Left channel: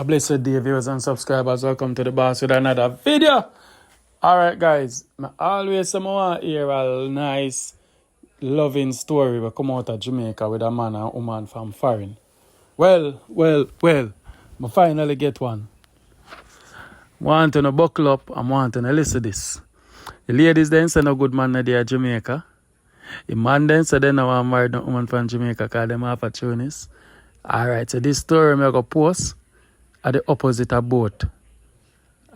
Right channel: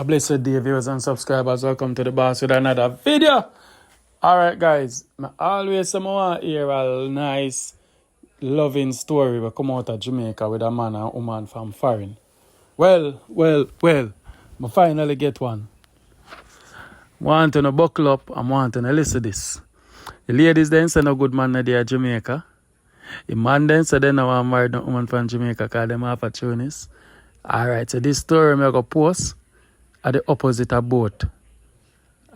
A blessed day, viewers and subscribers. Welcome to the boss with another video. Alright, guys. I always want to hear a nice, loving story that come out of Jamaica with a man and woman from foreign. Well. I finally get one. Want to buckle up and want to listen to this. The ladies then say no good man there Jamaica. The man then say they no want to marry no woman from Jamaica because them opportunists. Alright, so this story I'm going to post at the opposite of both.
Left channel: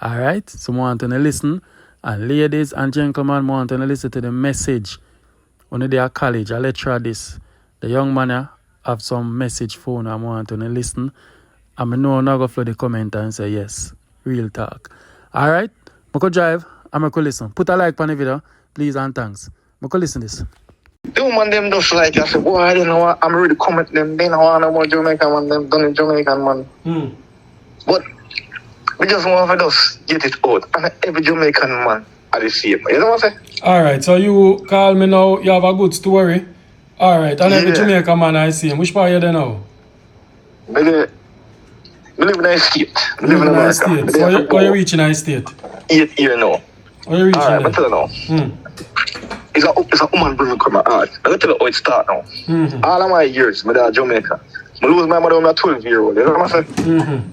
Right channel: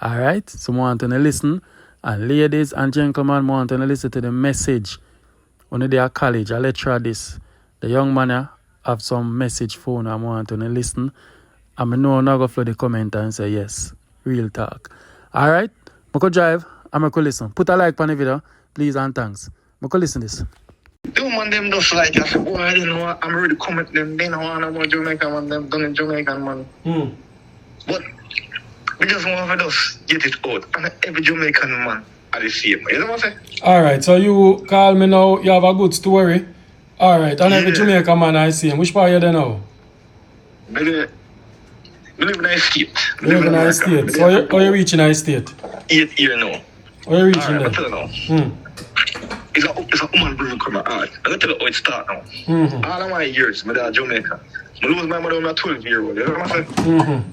Alright, so I want to listen. And ladies and gentlemen, I want to listen to the message. When they are college, I lecture this. The young man have some message phone I want to listen. And I know I'm not going to flood the comment and say yes. Real talk. Alright, I go drive and I go listen. Put a like on the video, please and thanks. I go listen to this. The woman them just like I said, boy, I don't know. I'm really comment them. They don't want no more Jamaican man. Them done in Jamaican man. But we just want to just get it out. And every Jamaican man are the same. You know what I'm saying? Alright, so you call me now. You have a good story. Alright, and every Jamaican man I see him. Which part are you there now? I live in a state. You live in a state. So you reaching a state? 8 years now. How you reaching Alright, there? I tell you now. It's a woman bring come out. I'm going to tell you how it start now. All of my years, my dad Jamaica. I lose my mother when I was 12-year-old. You know what I'm saying?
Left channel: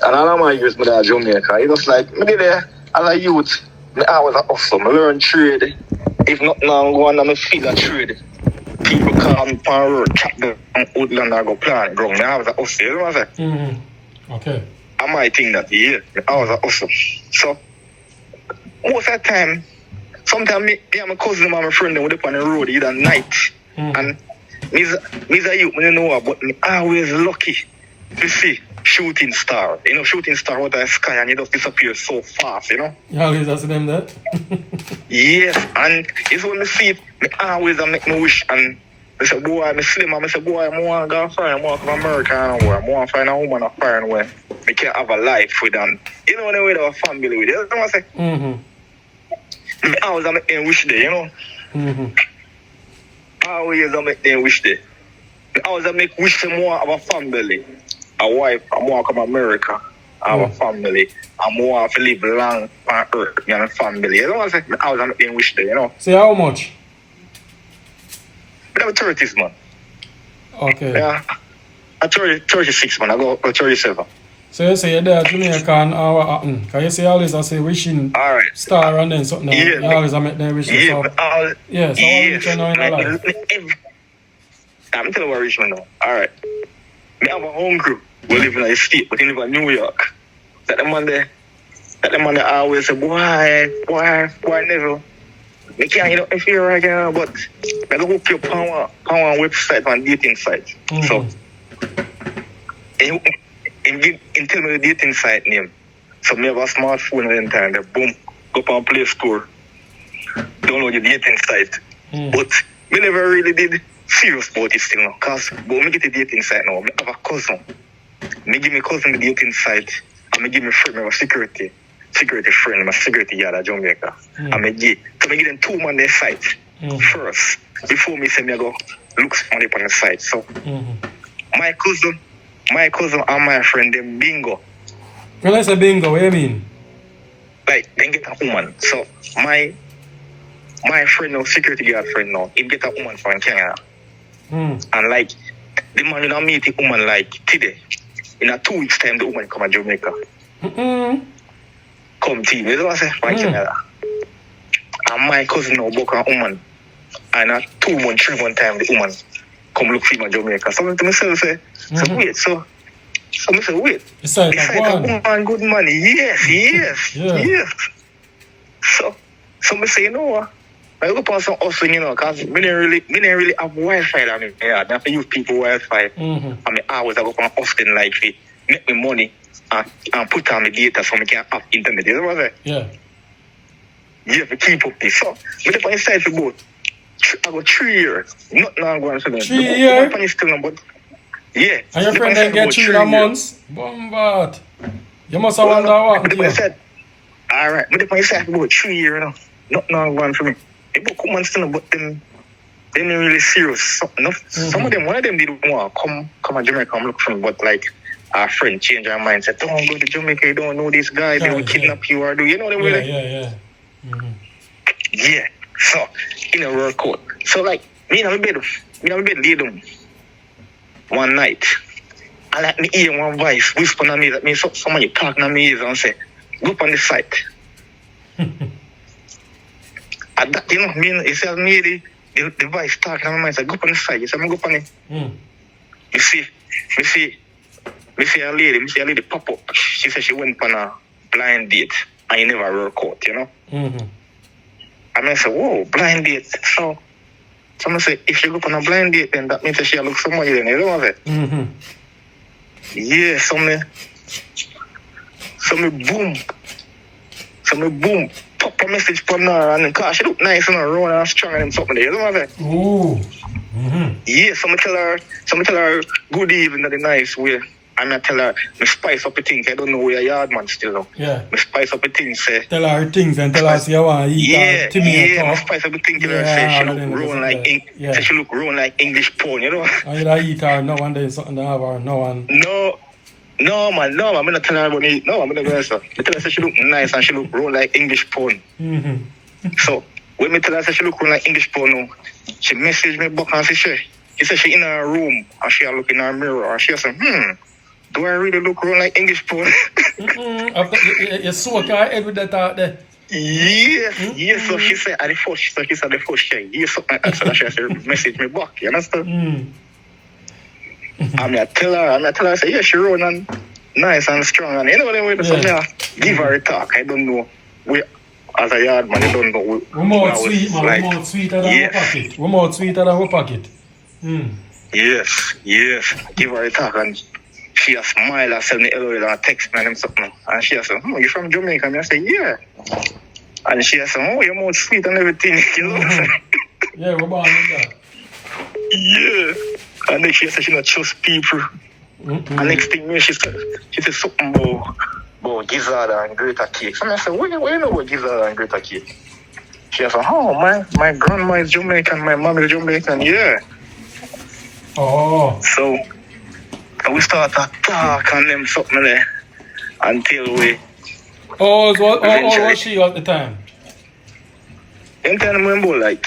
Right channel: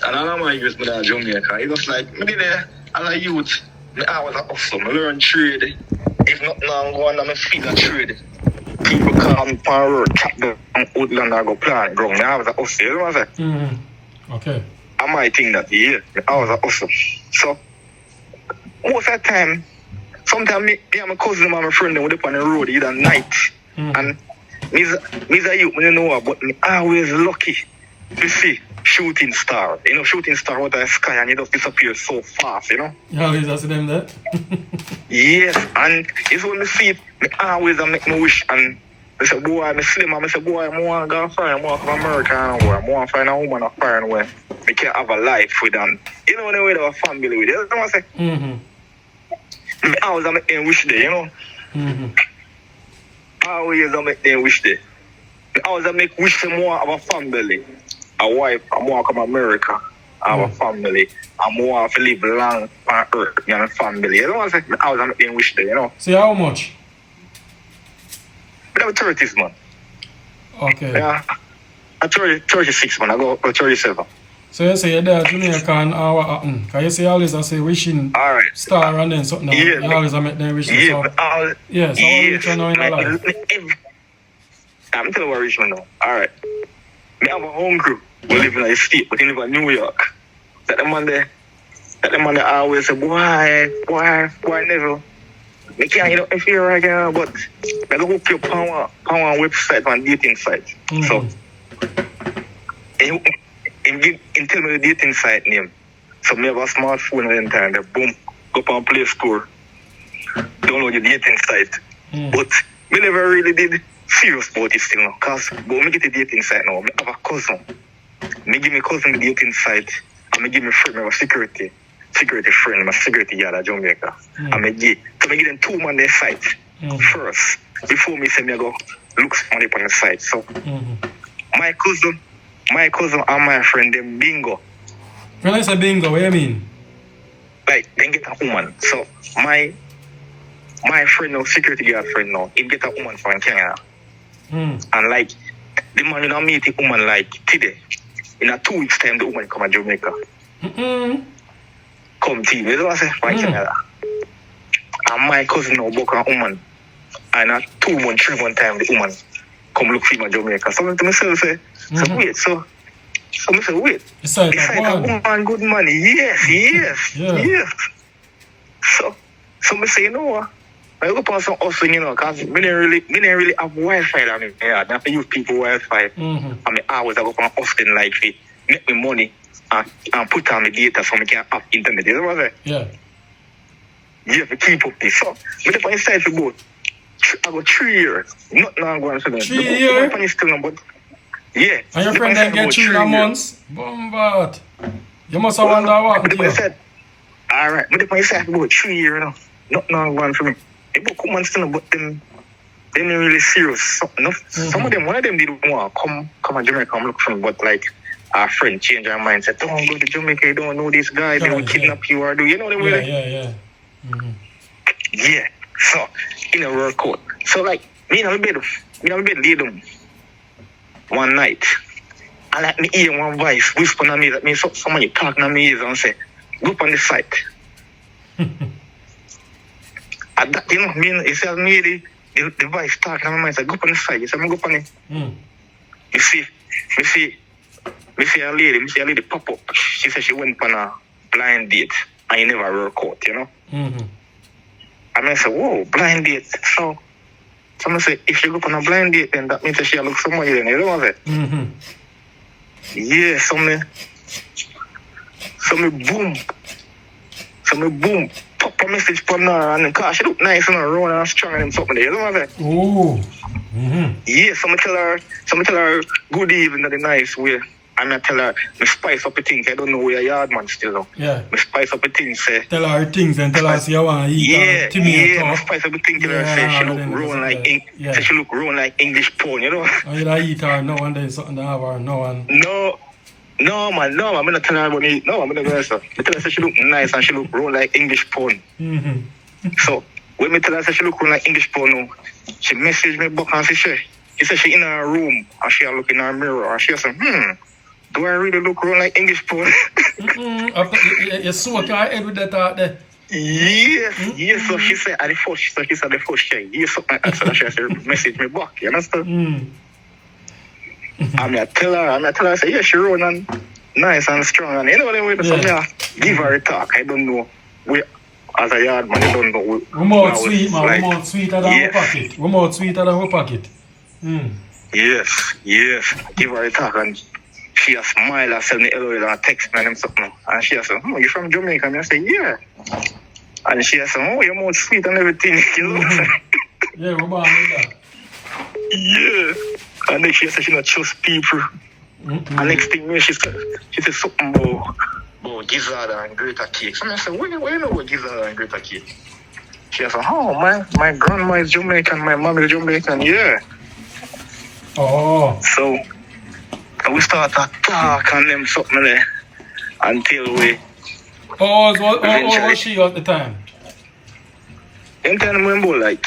And all of my years, my dad Jamaica. It was like, me there as a youth, I was an hustle. I learned trade. If not now, go on and I feel that trade. People call me on road, chop them on woodland and go plant ground. I was a hustle. You know what I'm saying? Okay. I might think that, I was a hustle. So, most of the time, sometimes me and my cousin and my friend, they would up on the road either night. And me's a youth, I don't know, but me always lucky to see shooting star. You know, shooting star out of the sky and it just disappear so fast, you know? You always see them there? Yes, and it's when I see it, I always make my wish. And I say, boy, I'm slim, and I say, boy, I want to go foreign, I want to come to America, and I want to find a woman of foreign where I can have a life with them. You know, the way they have a family with it. You know what I'm saying? I always make them wish there, you know? I always make them wish there. I always make wish them more of a family. A wife, I want to come to America. I have a family. I want to live long on earth and a family. You know what I'm saying? I always make them wish there, you know? See how much? I have 30s, man. Okay. Yeah. I'm 36, man. I go 37. So you say you're there Jamaican or what happened? Because you say always I say wishing star and then something. Yeah. You always make them wishing. Yeah, so, so what you trying to know in your life? I'm telling you what Richmond now. Alright. We have a home crew. We live in a state, but we live in New York. That the man there always say, boy, never. Me can't get up if you're right now, but I go hook your power website and dating site. So, and tell me the dating site name. So, me have a smartphone at the time. They boom, go up on Play Store, download your dating site. But we never really did serious about this thing now. Because, but me get the dating site now, I have a cousin. Me give me cousin the dating site, and me give me friend, my security friend, my security yard at Jamaica. And me give them 2 man their site first, before me say me go look somebody on the site. So, my cousin and my friend, them bingo. When I say bingo, what do you mean? Like, they get a woman. So, my friend now, security guard friend now, he get a woman from Kenya. And like, the man will not meet the woman like today. In a 2 weeks time, the woman come to Jamaica. Come to you know what I say? From Kenya. And my cousin now book a woman. And a 2 month, 3 month time, the woman come look for him in Jamaica. So to myself say, wait, so I say, wait. It's like a woman, good money. Yes. So I say, you know what? I go on some hustling, you know, because we didn't really have Wi-Fi down here. I have to use people Wi-Fi. I mean, I go on hustling like it, make me money and put on my data so I can have internet. You know what I'm saying? Yeah, to keep up this. So, I go inside for about, I go 3 years. Not now going to 3 years? But yeah. And your friend then get 3 months? Bombard. You must have wondered what. Alright, but if I say for about 3 years now, not now going for me. They book women still, but them they ain't really serious. Some of them, one of them did want to come to Jamaica and look for me, but like our friend change her mind, said, don't go to Jamaica, you don't know this guy, they will kidnap you or do, you know the way? Yeah. Yeah. So, in a work out. So, like, me in my bed lay down one night. And like me hear one voice whispering at me that me somebody talking at me ears and say, go up on the site. At that, you know, you see me the voice talking at my mind, say, go up on the site. You say, go up on it. You see a lady pop up. She said she went on a blind date and you never work out, you know? And I said, whoa, blind date. So someone said, if you go on a blind date, then that means that she look somewhere then, you know what I'm saying? Yeah, so me boom, pop a message from her, and cause she look nice and round and strong and something there, you know what I'm saying? Ooh. Yeah, so me tell her good evening in the nice way. And I tell her, me spice up the things. I don't know where yard man still know. Yeah. Me spice up the things, say. Tell her things and tell her you want to eat. Me spice up the things. Tell her, say she look round like say she look round like English pone, you know. And you eat her now and then something to have her now and. No, man. I'm not telling her about it. No, I'm not going to say. I tell her say she look nice and she look round like English pone. So when me tell her say she look round like English pone now, she message me back and she said she in her room and she look in her mirror and she said, do I really look round like English pone? You soak her head with that out there. Yes. So she said at the first check. Yes, something like that. So she said message me back. You understand? I tell her, I say, yeah, she round and nice and strong. And you know what I mean? So I give her a talk. I don't know. As a yard man, you don't know. Remote sweet, man. Like, remote sweeter than her pocket. Remote sweeter than her pocket. Yes. Give her a talk and she a smile and send me hello and text me and something. And she said, you from Jamaica? And I say, yeah. And she said, your mouth sweet and everything. You know what I'm saying? Yeah, we're born with that. Yeah. And then she said she not trust people. And next thing she said something about gizzard and greater cake. So I said, where you know about gizzard and greater cake? She said, my grandma is Jamaican, my mom is Jamaican, yeah. Oh. So we start to talk and them something there until we. What was she at the time? In time, remember like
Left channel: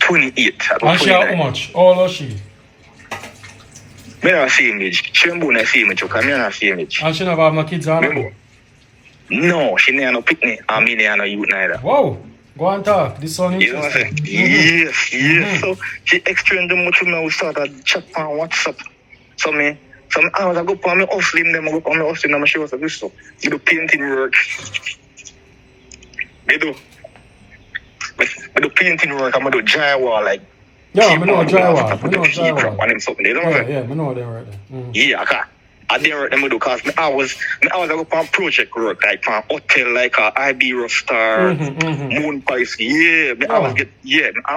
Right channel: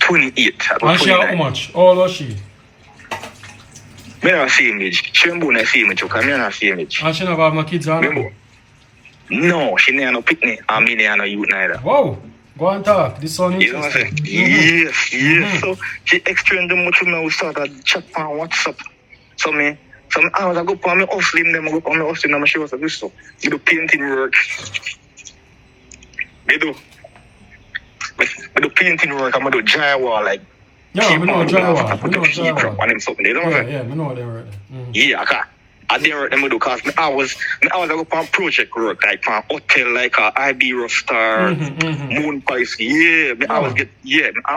28. And she how much? How old was she? Me not see image. She remember not see image, because me not see image. And she never have no kids on her? No, she never no picnic, and me never no youth neither. Wow. Go and talk. This one is. You know what I'm saying? Yes. So she explained them much with me. We started chat on WhatsApp. So I was go for me hustling them. I go for me hustling them. She was like this. So we do painting work. We do painting work. I'm do drywall like. Yeah, I know drywall. I know something. You know what I'm saying? Yeah, I know them right there. Yeah, okay. I didn't work them do because I was go for project work like for hotel like IB Rockstar, Moon Pies. I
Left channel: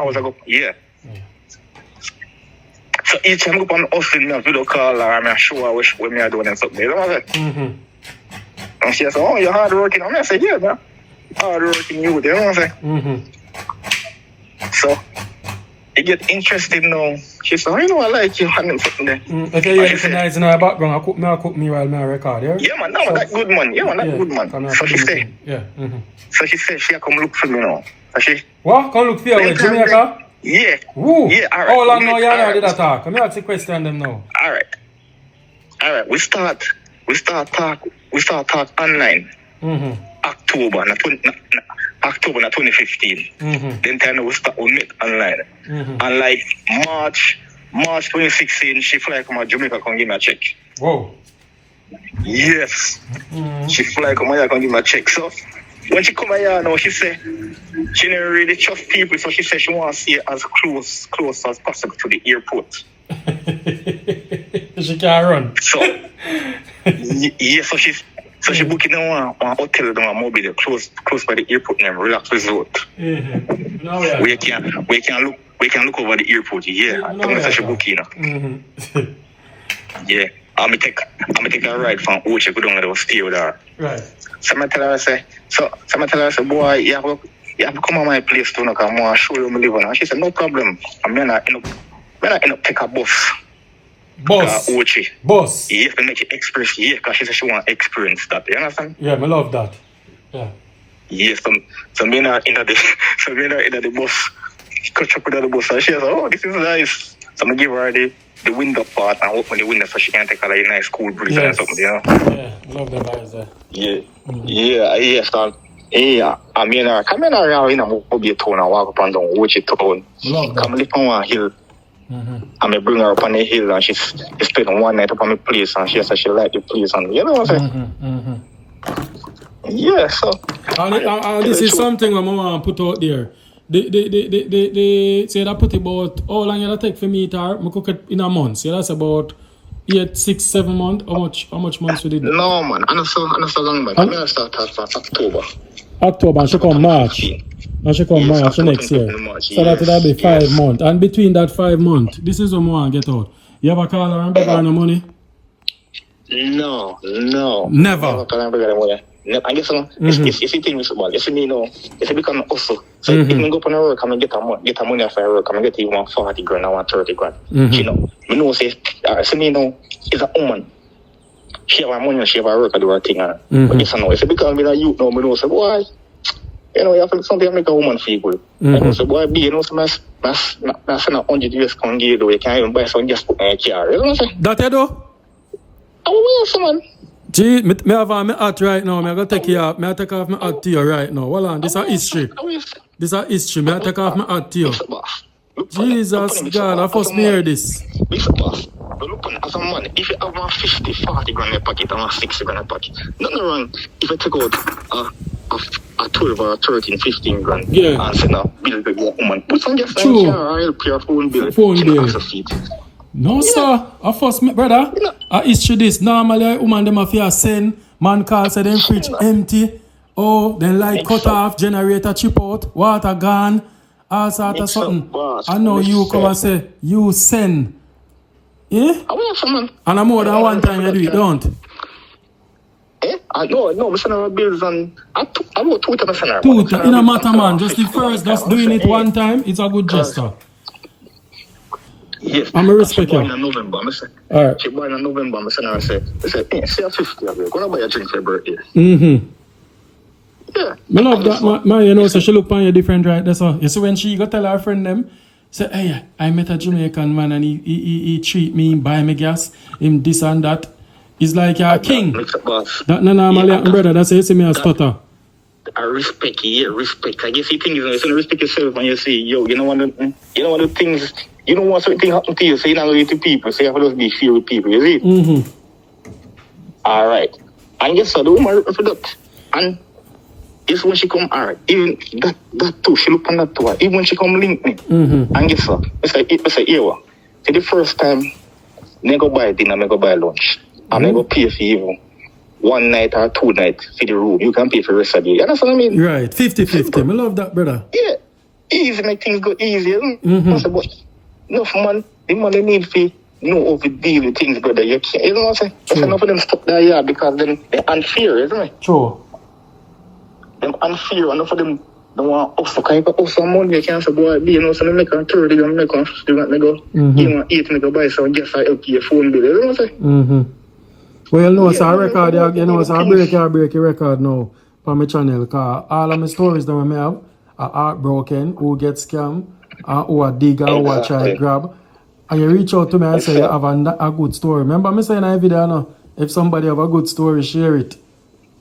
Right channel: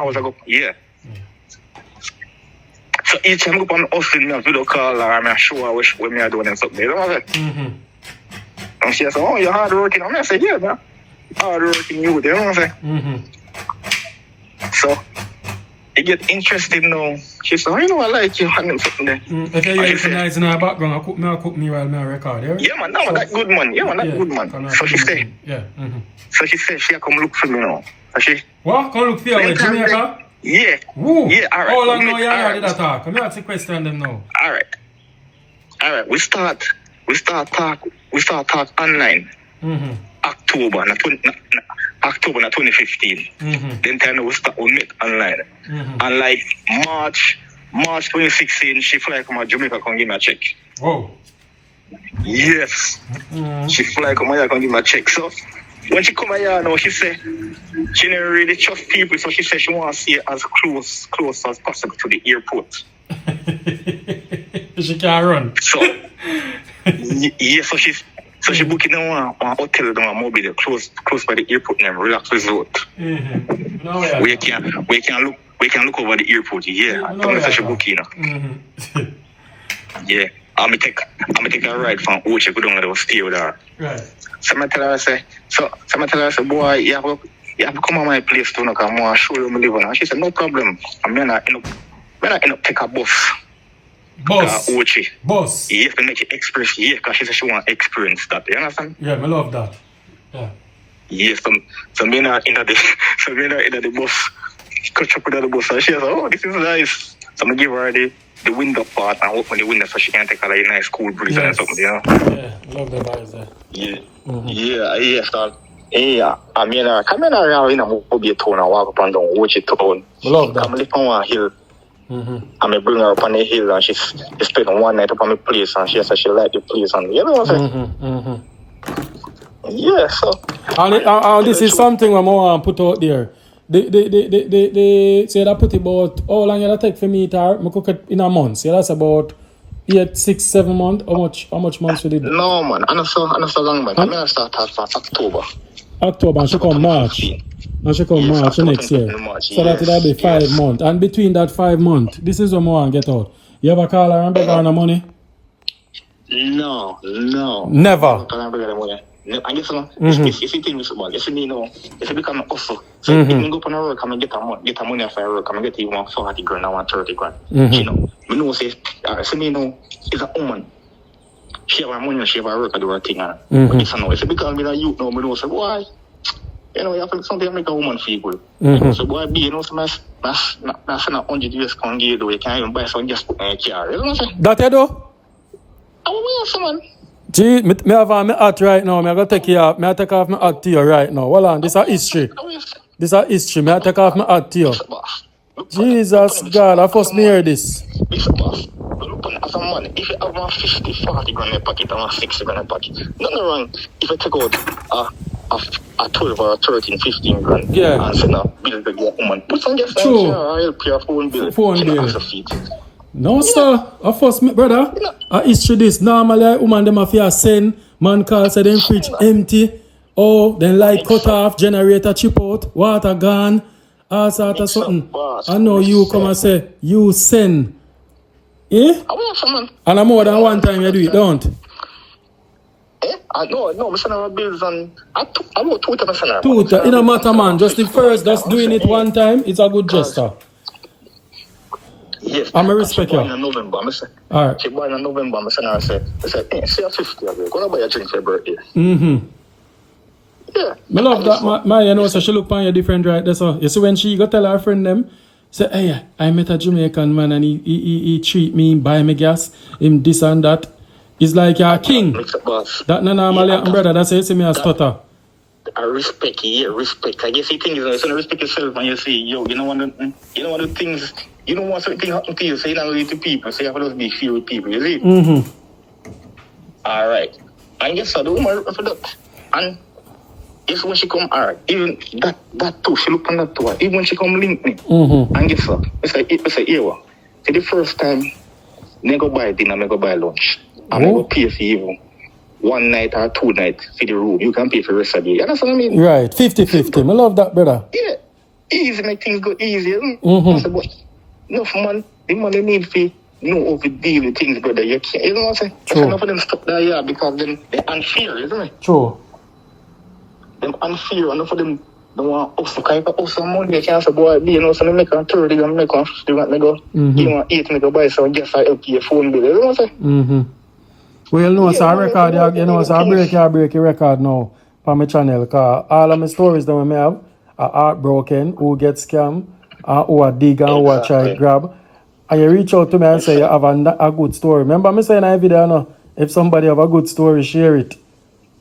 was go. So each time I go on hustling, I video call her and I show her what me are doing and something. You know what I'm saying? And she said, you're hard working. And I said, yeah, man. Hard working you, you know what I'm saying? So it get interesting now. She said, I like you and something there. Okay, yeah, it's nice in her background. I cook me while I record, yeah? Yeah, man, that good man. Yeah, man, that good man. So she said, so she said she come look for me now. So she, what? Come look for you in Jamaica? Yeah. Woo. Yeah, all right. How long now you already did that talk? Come here to question them now. All right. We start talk online. October 2015. Then time we meet online. And like March 2016, she fly come to Jamaica come give me a check. Whoa. Yes. She fly come here come give me a check. So when she come here now, she say she never really trust people, so she said she want to see it as close as possible to the airport. She can't run. So so she booked in one hotel in Mobile, close by the airport named Relax Resort. We can look over the airport. Yeah, I told her she booked in. Yeah, I'm take a ride from Oche, go down there, stay with her. Right. So I tell her, boy, you have to come on my place to know, because I want to show you my live on. And she said, no problem. I'm not take a bus. Boss. Ochi. Boss. You have to make it express, yeah, because she said she want to experience that. You understand? Yeah, I love that. Yeah. Yes, some men are in the bus. Catch up with the bus. And she said, oh, this is nice. So I give her the window part and open the window so she can take a like, nice cool breeze and something, you know? Yeah, I love the vibes there. Yeah. Yeah, son. Yeah, I mean, come in around, you know, we'll be a town and walk up and down, watch it town. I love that. Come live on one hill. And I bring her up on the hill and she spent one night up on the place and she said she liked the place and you know what I'm saying? Yeah, so. And this is something I want to put out there. They say that put about how long it'll take for me to cook it in a month. So that's about 8, 6, 7 months. How much months we did? No man, I'm not so long man. I'm gonna start off October. October and she come March. And she come March next year. So that'll be 5 months. And between that 5 months, this is what I want to get out. You ever call her and beg her no money? No. Never. No, I guess it's a thing with football. It's me know. It's become an hustle. So if I go up on the work, I'm get a money off work. I'm get even 40 grand, I want 30 grand. You know, me know say, so me know it's a woman. She have her money, she have her work, I do her thing. But it's no. If it become me a youth now, me know say, boy, you know, you have to do something to make a woman feel good. You know, so boy, you know, so I send 100 years come give you, you can't even buy some just put in a car. You know what I'm saying? That you do? Oh, yes, man. Gee, me have on my hat right now. I gotta take you off. I take off my hat to you right now. Hold on, this is history. This is history. I take off my hat to you. Jesus God, I first me hear this. As a man, if you have 50, 40 grand in your pocket and 60 grand in your pocket, nothing wrong if you take out a 12 or a 13, 15 grand. Yeah. And say now, bill to your woman. Put some just True. or help your phone bill. Phone bill. No, sir. Of course, brother. I issue this. Normally, woman them have to send. Man call say them fridge empty. Oh, then light cut off, generator chip out, water gone, all sort of something. I know you come and say, you send. Eh? And I'm more than one time you do it, don't? No, we send our bills on. I know 2 times a Two, it don't matter, man. Just the first, just doing it one time, it's a good gesture. Yes. I'm a respect you. In November, all right. She born in November, I said, hey, say 50 of you. Go buy a drink for your birthday. Yeah. I love that, man. You know, so she look on you different, right? That's all. You see, when she go tell her friend them, say, hey, I met a Jamaican man and he treat me, buy me gas, him this and that. It's like you're a king. That no normally happen, brother. That's how you see me a stutter. I respect you, respect. I guess you think you respect yourself and you say, yo, you know one of the things. You don't want something to happen to you, so you're not going to people. So you have to just be fair with people, you see? All right. And yes, so the woman for that. And it's when she come, all right. Even that too, she look on that too. Even when she come link me. And guess what? It's a year. So the first time, I go buy dinner, I go buy lunch. And I go pay for even 1 night or 2 nights for the room. You can pay for the rest of the day. You understand what I mean? Right. 50-50. I love that, brother. Yeah. Easy, make things go easy. No, man, the money need to know how to deal with things, brother. You can't, you know what I'm saying? There's enough of them stuck there, yeah, because they're unfair, isn't it? True. They're unfair, enough of them don't want to can you put some money, you can't say, boy, you know, so I make on 30, you make on 50, you go, you want 8, make a buy, so just I help your phone bill, you know what I'm saying? Well, you know, so I record, you know, so I break your record now on my channel, because all of my stories that I have are heartbroken, who get scammed, who are dig and who are try grab. And you reach out to me and say you have a good story. Remember me saying in a video, no? If somebody have a good story, share it.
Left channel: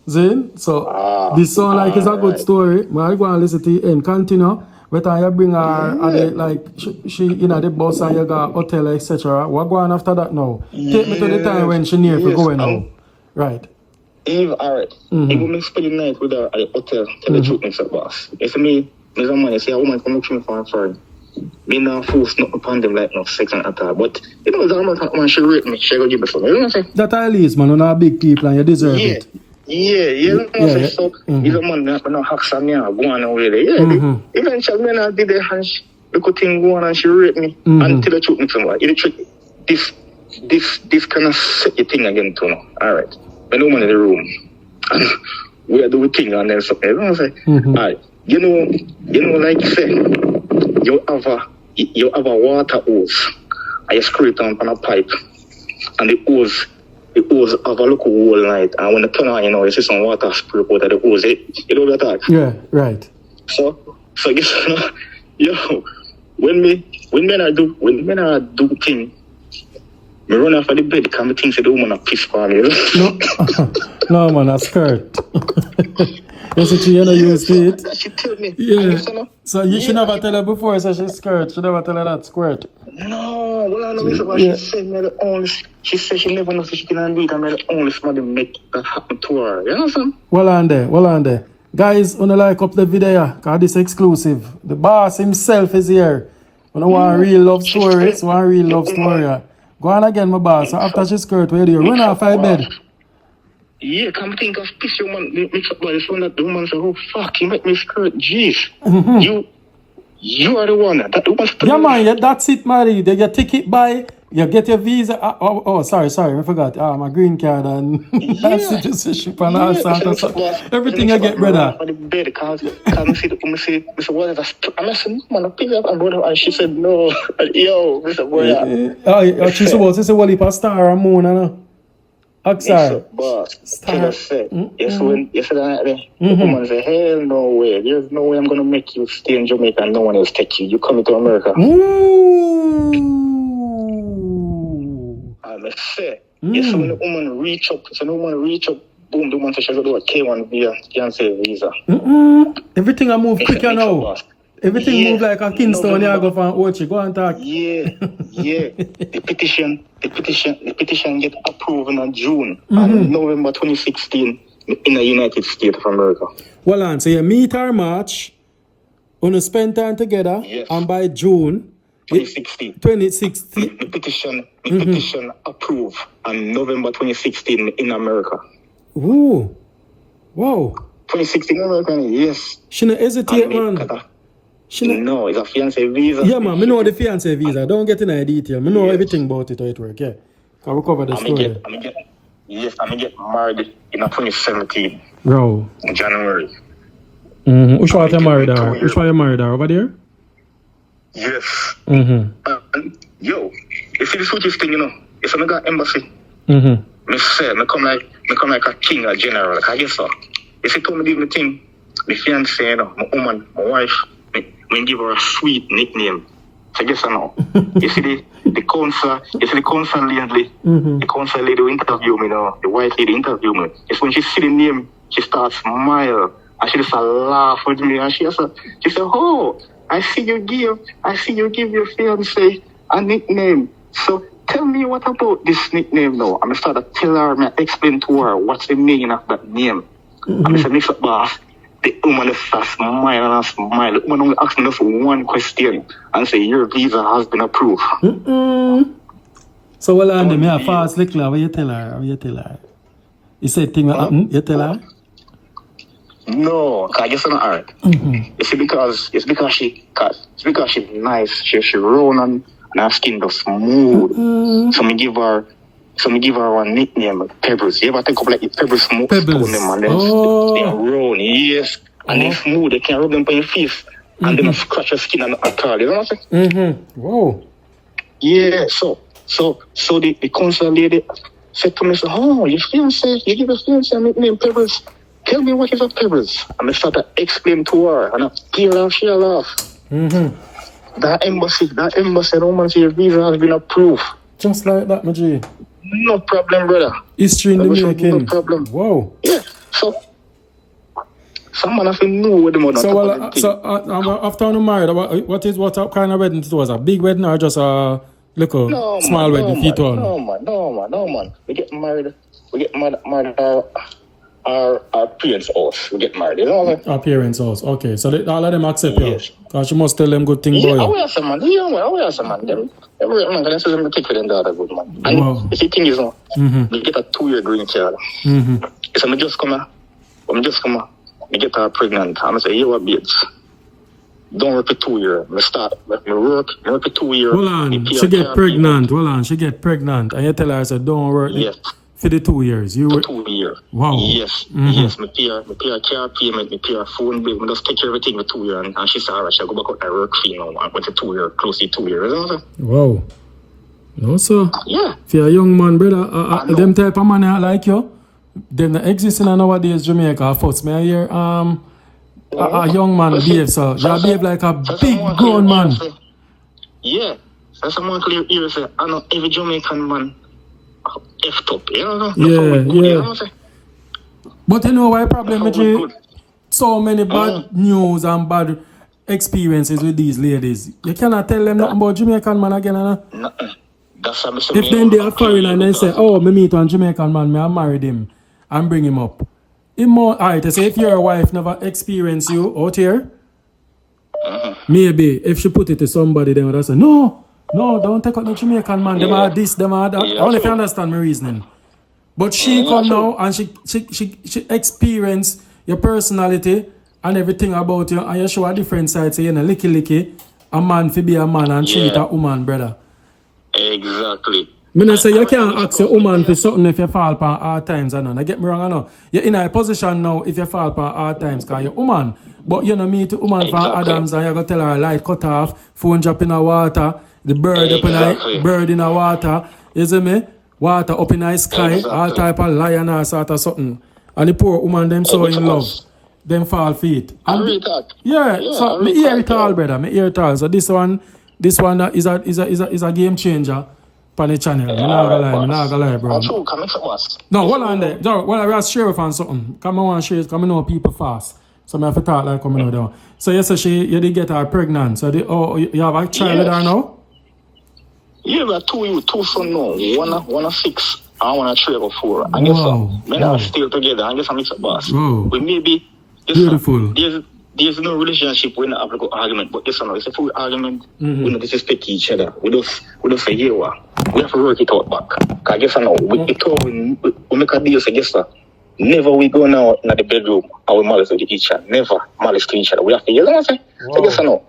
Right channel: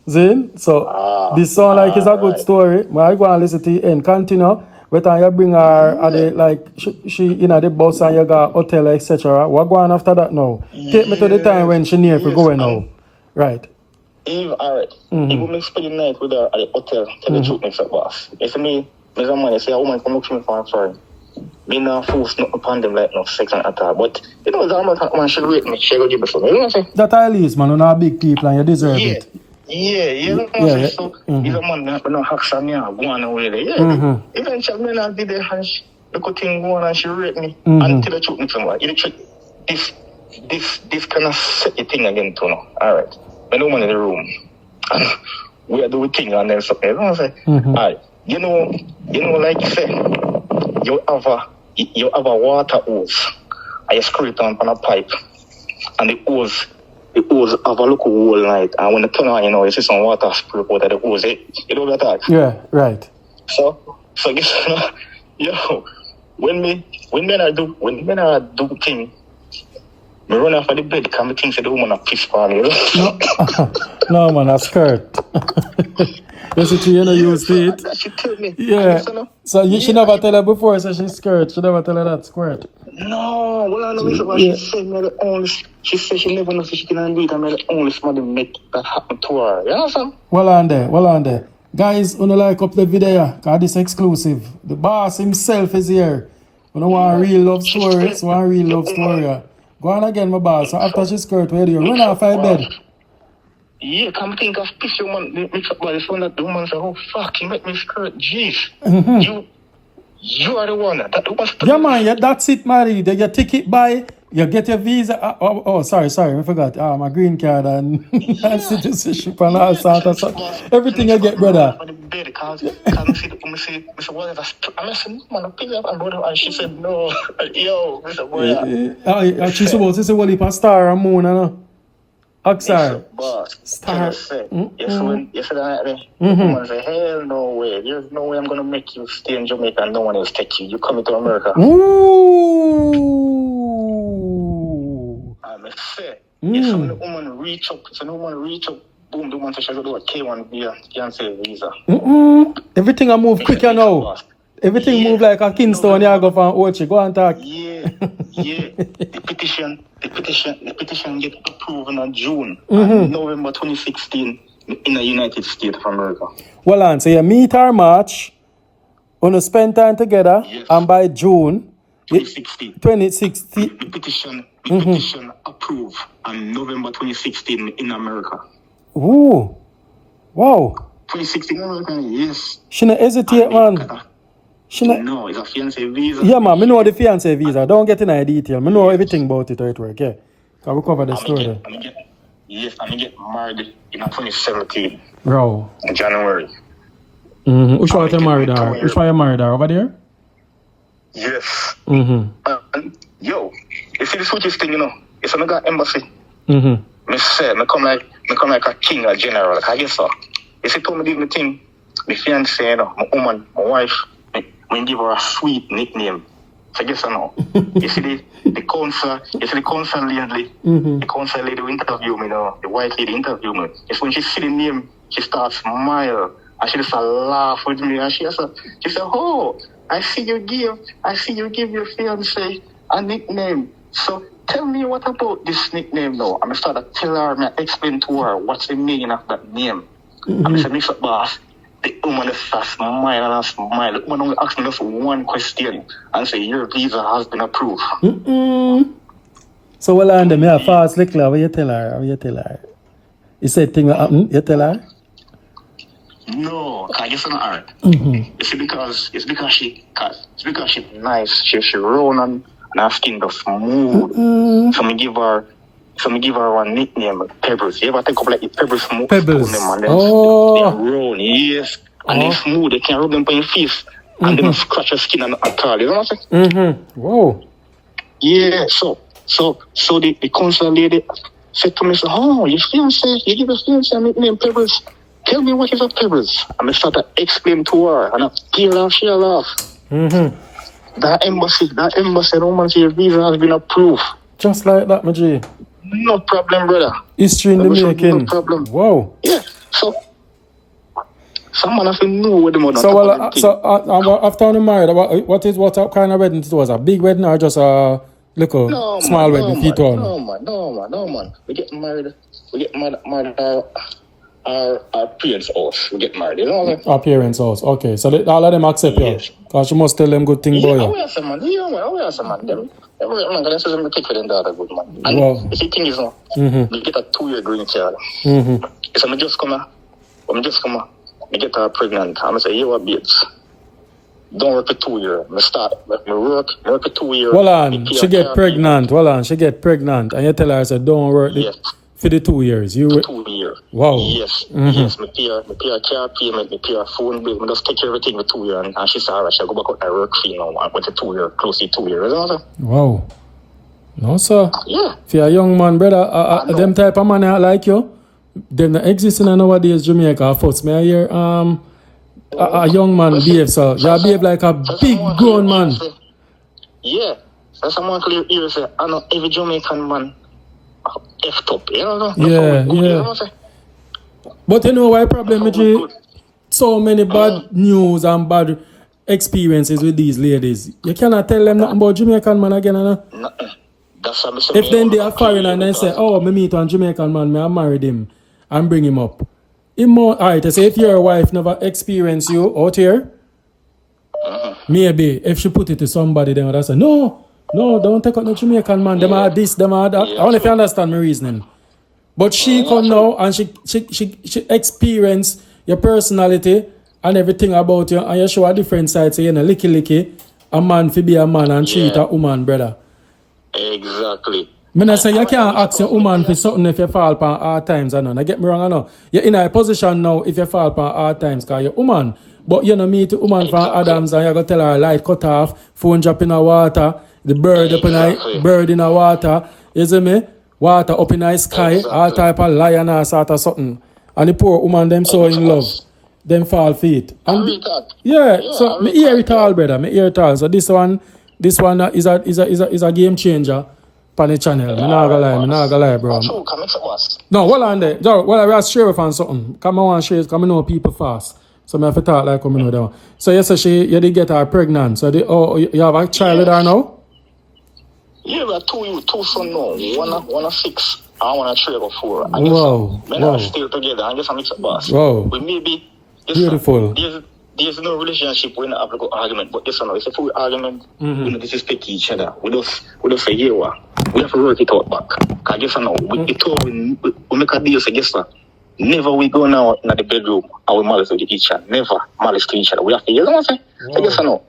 See? So this sound like it's a good story. But I go and listen to the end. Continue. But you bring her at the, like she in the bus and you got hotel, etc. What go on after that now? Take me to the time when she near for going now. Right. Eve, alright. Even me spend the night with her at the hotel, tell the truth, Mr. Boss. If me, there's a man, you say a woman come up to me for a friend. Me not force nothing upon them like no sex and attack. But you know, the man she rate me, she go give me something. You know what I'm saying? That at least, man, you're not big people and you deserve it. Yeah, you know what I'm saying? So, he's a man that no hacks on me and go on away there. Yeah, eventually, me not did the and she, the good thing go on and she rate me. Until the truth me somewhere. If the truth, this kind of set the thing again too now. Alright. When no man in the room. And we are doing thing and then something. You know what I'm saying? Alright. You know, like you say, you have a water hose and you screw it on a pipe and the hose have a look whole night, and when the turn on, you see some water spray out of the hose. You know what I talk? Yeah, right. So guess yo, when men are do thing, me run off of the bed because me think say the woman a piss for me. No, man, a skirt. You see, you know, use it. That she tell me. Yeah. So she never tell her before, so she skirt. She never tell her that skirt. No, well, I know she said me the only. She said she never knows she can do it, and me the only somebody make that happen to her. You know what I'm saying? Well on there. Guys, wanna like up the video, cause this exclusive. The boss himself is here. When I want a real love story, Go on again, my boss. So after she skirt, where do you run off her bed? Yeah, come think of this woman, MIXUP by the phone that the woman said, oh fuck, you make me skirt, jeez. You are the one. That woman. Yeah, man, yeah, that's it, Mary. You take it by, you get your visa. Sorry, I forgot. My green card and citizenship and all sorts of stuff. Everything I get, brother. And she said, no, yo, she's supposed to say, well, if a star or moon, I know. Oxide. Star. Yesterday night, woman said, hell no way. There's no way I'm going to make you stay in Jamaica and no one else take you. You coming to America. Ooh. And I said, when the woman reach up, boom, the woman said she's going to do a K1 via fiancé visa. Everything I move quicker now. Everything move like a Kingston, you go from Ochi. Go and talk. Yeah. The petition get approved in June, November 2016 in the United States of America. Well, on, so you meet our March, want to spend time together, and by June 2016. The petition approved on November 2016 in America. Ooh, wow. 2016 in America, yes. She not hesitate, man. No, it's a fiancé visa. Yeah, man, I know the fiancé visa. Don't get in any detail. I know everything about it, how it works, yeah. Can we cover the story? I'm get married in 2017. Bro. In January. Which one you married her? Which one you married her? Over there? Yes. And, yo, you see the sweetest thing, you know? It's another embassy. Me say, I come like a king or general. Like I guess so. If you told me this thing, the fiancé, you know, my woman, my wife, we give her a sweet nickname. So guess I know. You see the council lady, the council lady who interview me now, the white lady interview me. It's when she see the name, she starts smile and she just laugh with me and she said, oh, I see you give your fiancé a nickname. So tell me what about this nickname now. I'm start to tell her, I explain to her what's the meaning of that name. I'm say, MIXUP boss. The woman just smile and smile. The woman only asked me just one question and say, your visa has been approved. So, well, and me a fast lick, what you tell her? You said thing will happen, you tell her? No, I guess I'm not her. It's because she's nice. She round and her skin does smooth. So me give her one nickname, Pebbles. You ever think of like the Pebbles smooth? Pebbles. They round, yes. And they smooth, they can rub them on your face. And they don't scratch your skin and all. You know what I'm saying? Whoa. Yeah, so the council lady said to me, oh, you give your fiancé a nickname, Pebbles. Tell me what is a Pebbles. And I started to explain to her, and she laughed. That embassy, Roman your visa has been approved. Just like that, my G. No problem, brother. History in the making. No problem. Wow. Yeah, so someone has to know what the mother. So after I'm married, what kind of wedding it was? A big wedding or just a little small wedding? No, man. We get married our parents' house. We get married, you know what I mean? Our parents' house. Okay, so all of them accept you. Because you must tell them good thing, boy. I wear some man. Everyone can say take for them the other good man. And the thing is, we get a 2-year green card. So I just come here. I get her pregnant. I'm say, you what, babes? Don't work for 2 years. I work for 2 years. Hold on, she get pregnant. And you tell her, I said, don't work for the 2 years. 2 years. Wow. Yes. Yes, me pay her car payment, me pay her phone bill. I just take care of everything for 2 years. And she said, alright, she'll go back out and work for, you know, I went to 2 years, close to 2 years. You know what I'm saying? Wow. No, sir. Yeah. If you're a young man, brother, them type of man like you, them that exist in nowadays Jamaica. First, may I hear a young man behave, so you behave like a big grown man. Yeah. So someone clear here say, I know every Jamaican man effed up. You know? Yeah. But you know why problem with so many bad news and bad experiences with these ladies. You cannot tell them nothing about Jamaican man again, If then they are foreign and they say, oh, me meet one Jamaican man, I married him and bring him up. Alright, I say if your wife never experienced you out here, maybe if she put it to somebody, then would say, no, don't take out no Jamaican man. Them are this, them are that. Only if you understand my reasoning. But she come now and she experience your personality and everything about you, and you show a different side. So you know, licky, a man fi be a man and treat a woman, brother. Exactly. I say you can't ask your woman for something if you fall upon hard times. Now get me wrong, I know. You're in a position now if you fall upon hard times because you're a woman. But you know, meet a woman from Adams and you go tell her light cut off, phone drop in the water, the bird up in the bird in the water. You see me? Water up in the sky, all type of lion or sort of something. And the poor woman them so in love. Them fall feet. And so me hear it all, brother. Me hear it all. So this one is a game changer. On the channel. Me not gonna lie, bro. No, hold on there. Well, I was sheriff and something. Come on, sheriff, come know people fast. So I have to talk like coming down. So yes, so you did get her pregnant. So you have a child with her now? Yeah, but two son now. One 6 and one 3 or 4. Wow. Wow. Still together. I guess I'm mixed up, boss. Wow. But maybe beautiful. There's no relationship when have a argument, but this one it's a full argument. We don't disrespect each other. We just say, yeah, we have to work it out back. Cause I guess I know we make a deal. So guess what? Never we go now in the bedroom and we malice with each other. Never malice to each other. We have to, you know what I'm saying? So I guess I know.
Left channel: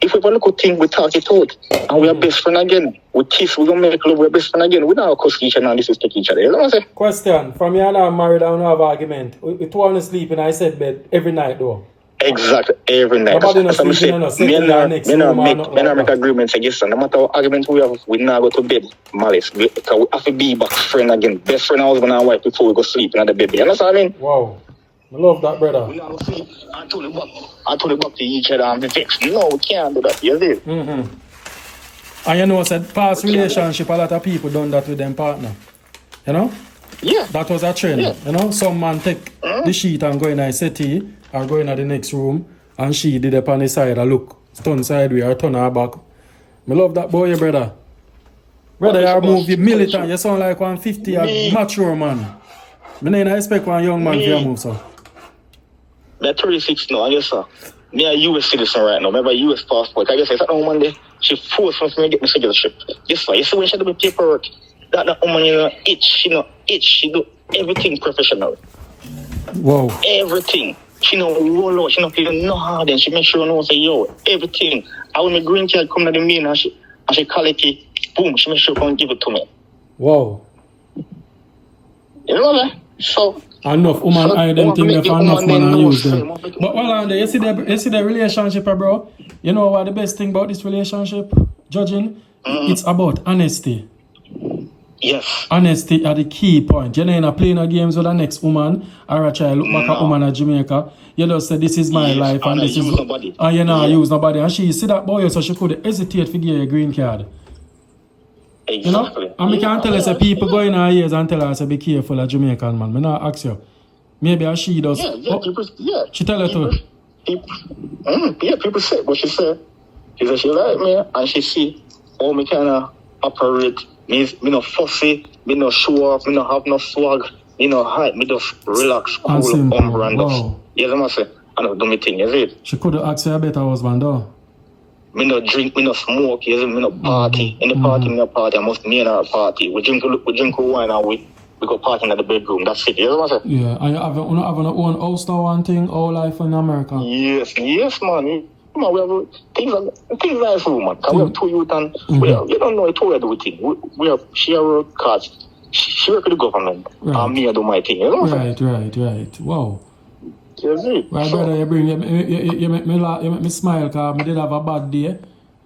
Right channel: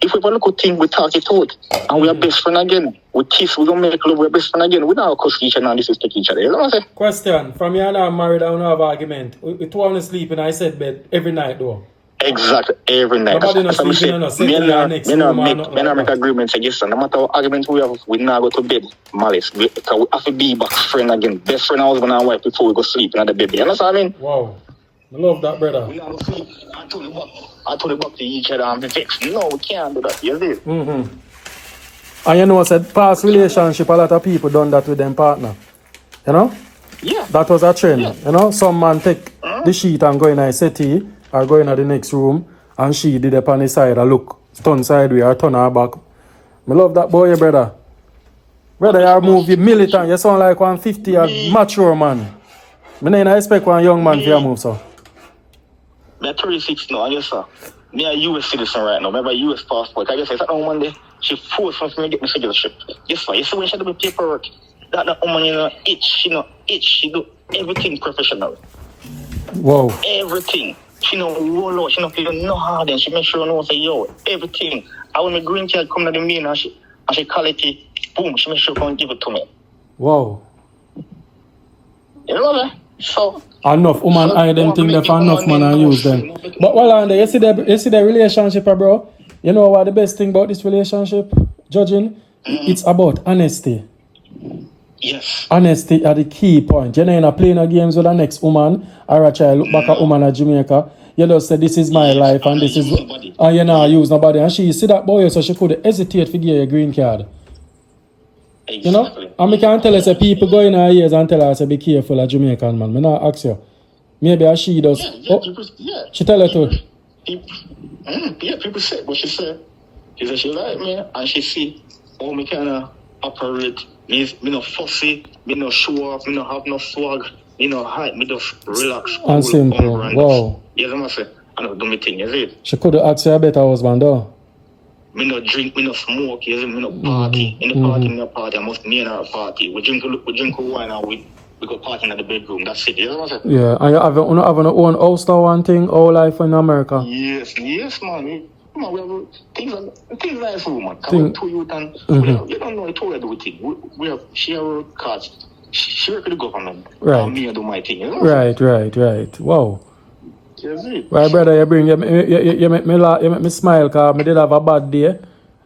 If we have a look at thing, we talk it out, and we are best friend again. We kiss, we gonna make love, we're best friend again. We don't cuss each other and disrespect each other. You know what I'm saying? Question: from you and I married, I don't have argument. We two on sleep in I said bed every night though. Exactly, every night. Nobody knows sleeping on us. Me not make agreements against them. No matter what argument we have, we not go to bed. Malice. Because we have to be back friend again. Best friend, husband and wife before we go sleep in the bed. You understand what I mean? Wow. I love that, brother. We not go sleep and turn it back to each other and be vexed. No, we can't do that. You see? And you know, said past relationship, a lot of people done that with them partner. You know? Yeah. That was a trend. Yeah. You know, some man take the sheet and go in a settee or go in the next room and she did up on the side and look, turn sideways or turn her back. I love that boy, brother. Brother, you move you militant. You sound like 150, a mature man. I don't expect one young man to move, so. I'm 36 now, I guess, sir. Me a US citizen right now. Remember US passport. I guess I said that woman there, she forced me to get my citizenship. Guess what? You see when she do my paperwork, that woman, she do everything professional. Wow. Everything. She know roll out, she know feel no hard, and she make sure no say yo, everything. And when my green card come to the main and she call it, boom, she make sure come give it to me. Wow. You know what? So enough woman hide them things there for enough man and use them. But while on there, you see the relationship, bro. You know what the best thing about this relationship, judging? It's about honesty. Yes. Honesty are the key point. You're not playing no games with the next woman or a child look back at woman at Jamaica. You just say this is my life and this is and you not use nobody. And she see that boy so she could hesitate to give you a green card. Exactly. You know? And we can't tell us people go in her ears and tell her say be careful of Jamaican man. Me not ask you. Maybe she does. She tell her to. People say what she said. She said she like me and she see how me kinda operate. Me no fussy, me no show off, me no have no swag, me no hype, me just relax, cool, and simple. Wow. Yes, I must say, I don't do my thing, you see? She could have asked you a better husband, though. Me no drink, me no smoke, you see? Me no party. In the party, me no party, I must me in a party. We drink wine and we go party in the bedroom, that's it, you know what I'm saying? Yeah, and you have your own house now, one thing, all life in America. Yes, man. Man, we have things like food, man. We have 2 youth and you don't know how to do things. We have share cards. She work with the government. Right. And me I do my thing. You know? Right. Wow. You see? Right, brother, you make me laugh, you make me smile because I did have a bad day.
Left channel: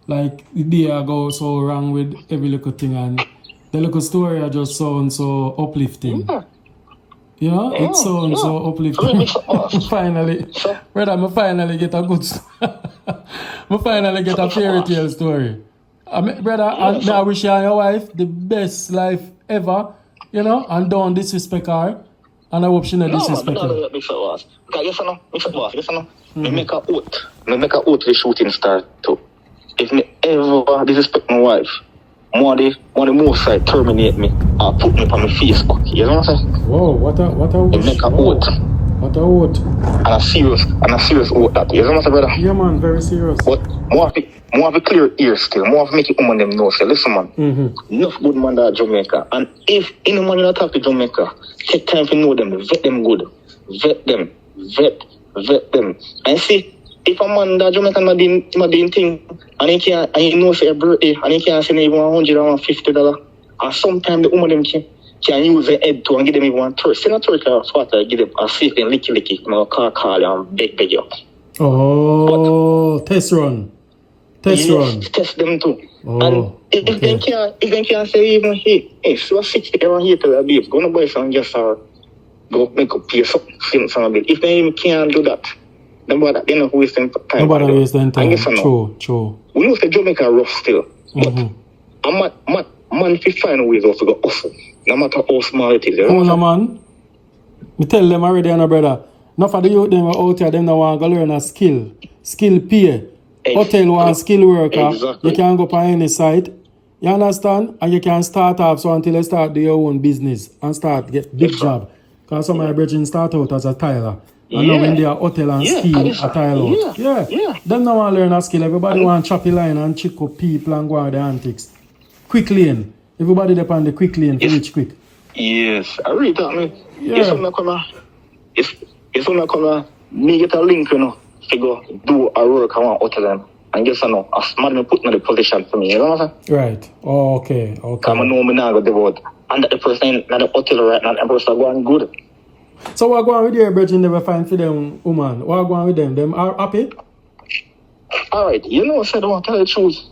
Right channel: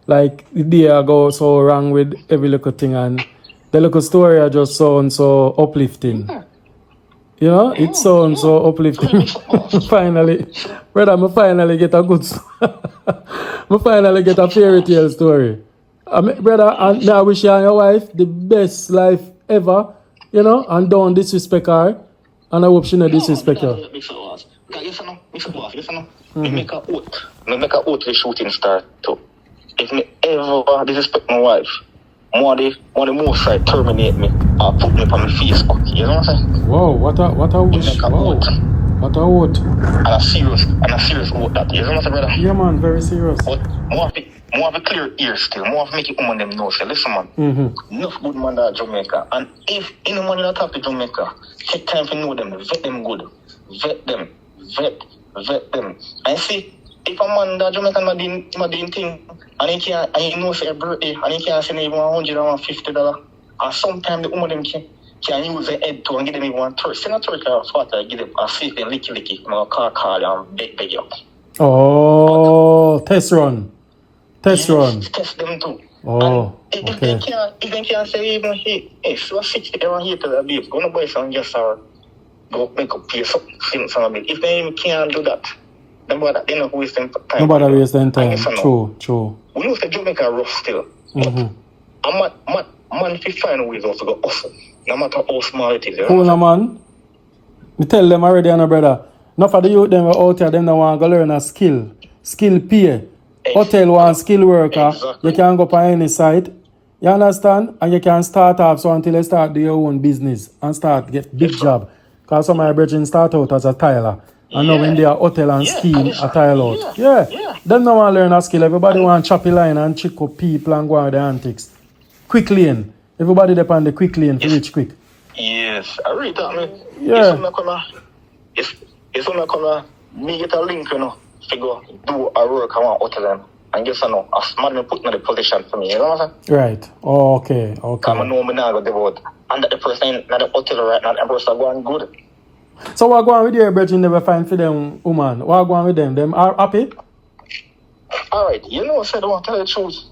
like the day I go so wrong with every little thing, and the little story I just sound so uplifting. Yeah. You know, it sounds so uplifting. Finally, brother, I finally get a good I finally get a fairy tale story. I mean, brother, I wish you and your wife the best life ever, you know, and don't disrespect her. And I hope she not disrespect her. Because yes, me make a oath. Me make a oath to the shooting star too. If me ever disrespect my wife, more the most right terminate me or put me on the Facebook. You know what I'm saying? Whoa, what a wish. Make a Whoa. oath. What a oath. And a serious oath that. You know what I'm saying, brother? Yeah, man, very serious. But more of a clear ear still. More of make it woman them know. Say, listen, man. Enough good man that Jamaica. And if any man you talk to Jamaica, take time to know them. Vet them good. Vet them. Vet them. And see, if a man that Jamaican not doing thing, and he knows a birthday, and he can't send even $150, and sometimes the woman them can use their head to and give them even $30. Send a $30 spot to give them a seat and licky, and call and beg you. Oh, test run. Test run. Test them too. Oh, and if they can't say even, hey, so 60 euro here to the beef, go to buy some just go make a piece of some bit. If they even can't do that, then what? They're not wasting time. Nobody wasting time. True. We know the Jamaica rough still. A man fi find ways of to go hustle. No matter how small it is. Cool, man. Me tell them already, brother. Enough of the youth them out here, them that want to learn a skill. Skill pay. Hotel want skill worker. Exactly. You can go on any site. You understand? And you can start off so until you start do your own business and start get big job. Because some of my brethren start out as a tiler. And now in their hotel and scheme a tile out. Yeah. Them don't want to learn a skill. Everybody want choppy line and chick up people and go on with the antics. Quick lane. Everybody depend the quick lane to reach quick. Yes. I read that, man. Yeah. It's not come me get a link, you know, to go do a work on hotel and just you know, a man put in the position for me, you know what I'm saying? Right. Oh, okay. I know me now go devote. And the person in the hotel right now, the person going good. So what going with your brethren never find for them woman? What going with them? Them are happy? Alright, you know, so I don't tell the truth.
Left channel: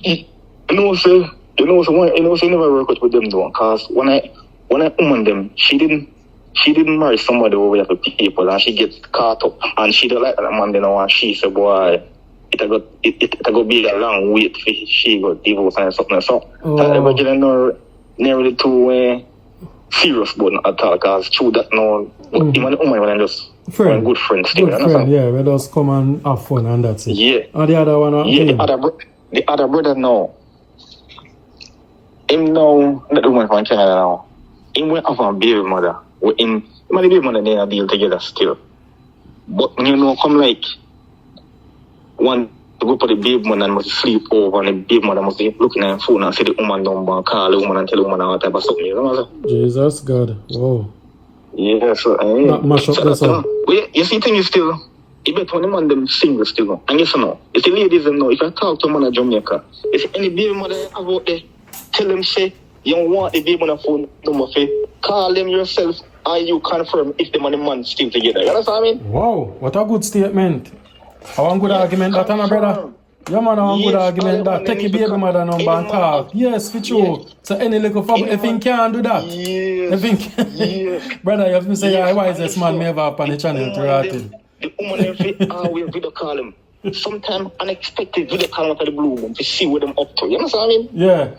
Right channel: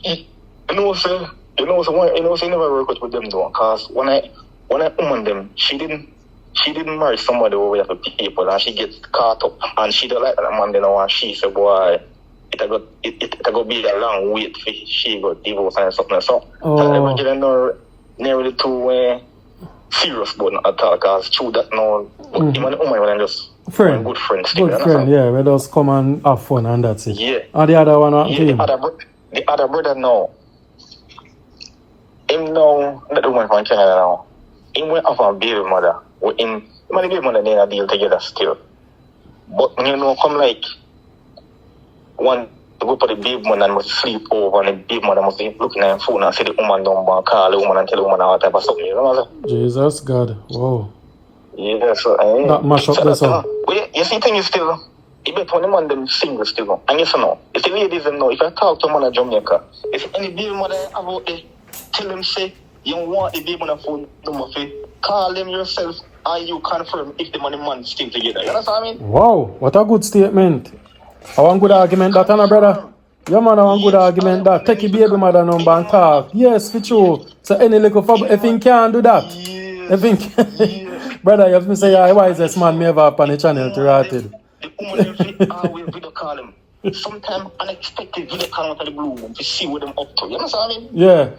You never work with them though, because when I woman them, she didn't marry somebody over there people and she gets caught up and she don't like that man then and she said boy it go be a long wait for she got divorce and something so nearly too serious but not at all because through that now even the woman when just friend good friends yeah we just come and have fun and that's it. Yeah. And the other one the other brother now him now not the woman from Canada now him went off on baby mother with him the baby mother they deal together still but you know come like one to go to the baby mother and must sleep over and the baby mother must be looking at her phone and see the woman number and call the woman and tell the woman all type of something, you know what I'm saying? Jesus God, wow. Yeah, so that mash up this up. You see thing is still it better when the man them single still. And yes or no, if the ladies know, if I talk to a man in Jamaica, if any baby mother about there, tell them say you don't want the baby mother phone number call them yourself and you confirm if the man and man still together. You understand what I mean? Wow, what a good statement. I want good argument that, brother. Yeah, man, I want good argument that. Take your baby mother number and talk. Yes, for sure. So any little trouble, if he can't do that. If he brother, you have to say, yeah, why is this man me ever up on the channel to write it? The woman always video call him. Sometimes unexpected video call out of the blue room to see what them up to. You know what I mean? Yeah.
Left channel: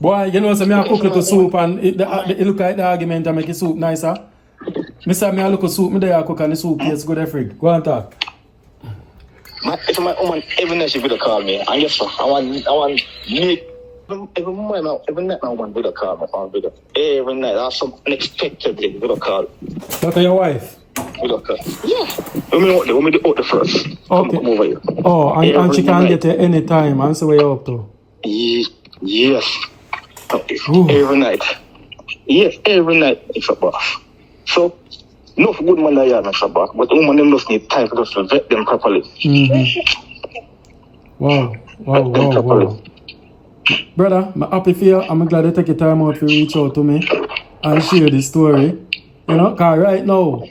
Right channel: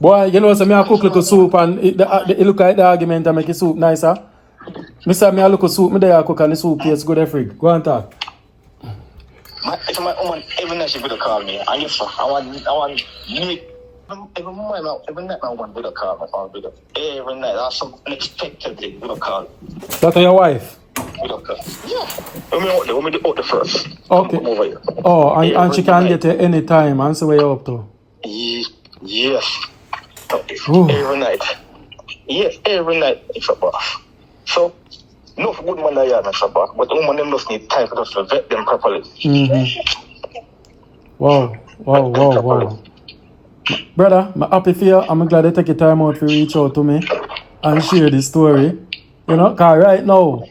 Boy, you know, so me I cook little soup and it look like the argument and make the soup nicer. Me say me I look at soup, me there I cook and the soup tastes good every. Go and talk. If my woman every night she video call me, and yes sir, I want every night my woman video call me on video. Every night that's some unexpected thing video call. That's your wife? Video call. Yeah. When we out the first. Okay. Oh, and she can get it any time and see where you're up to. Yes. Every night. Yes, every night it's a bath. So no good man like that, but the woman them just need time for us to vet them properly. Wow. Brother, I'm happy for you. I'm glad you take your time out to reach out to me and share this story. You know, because right now,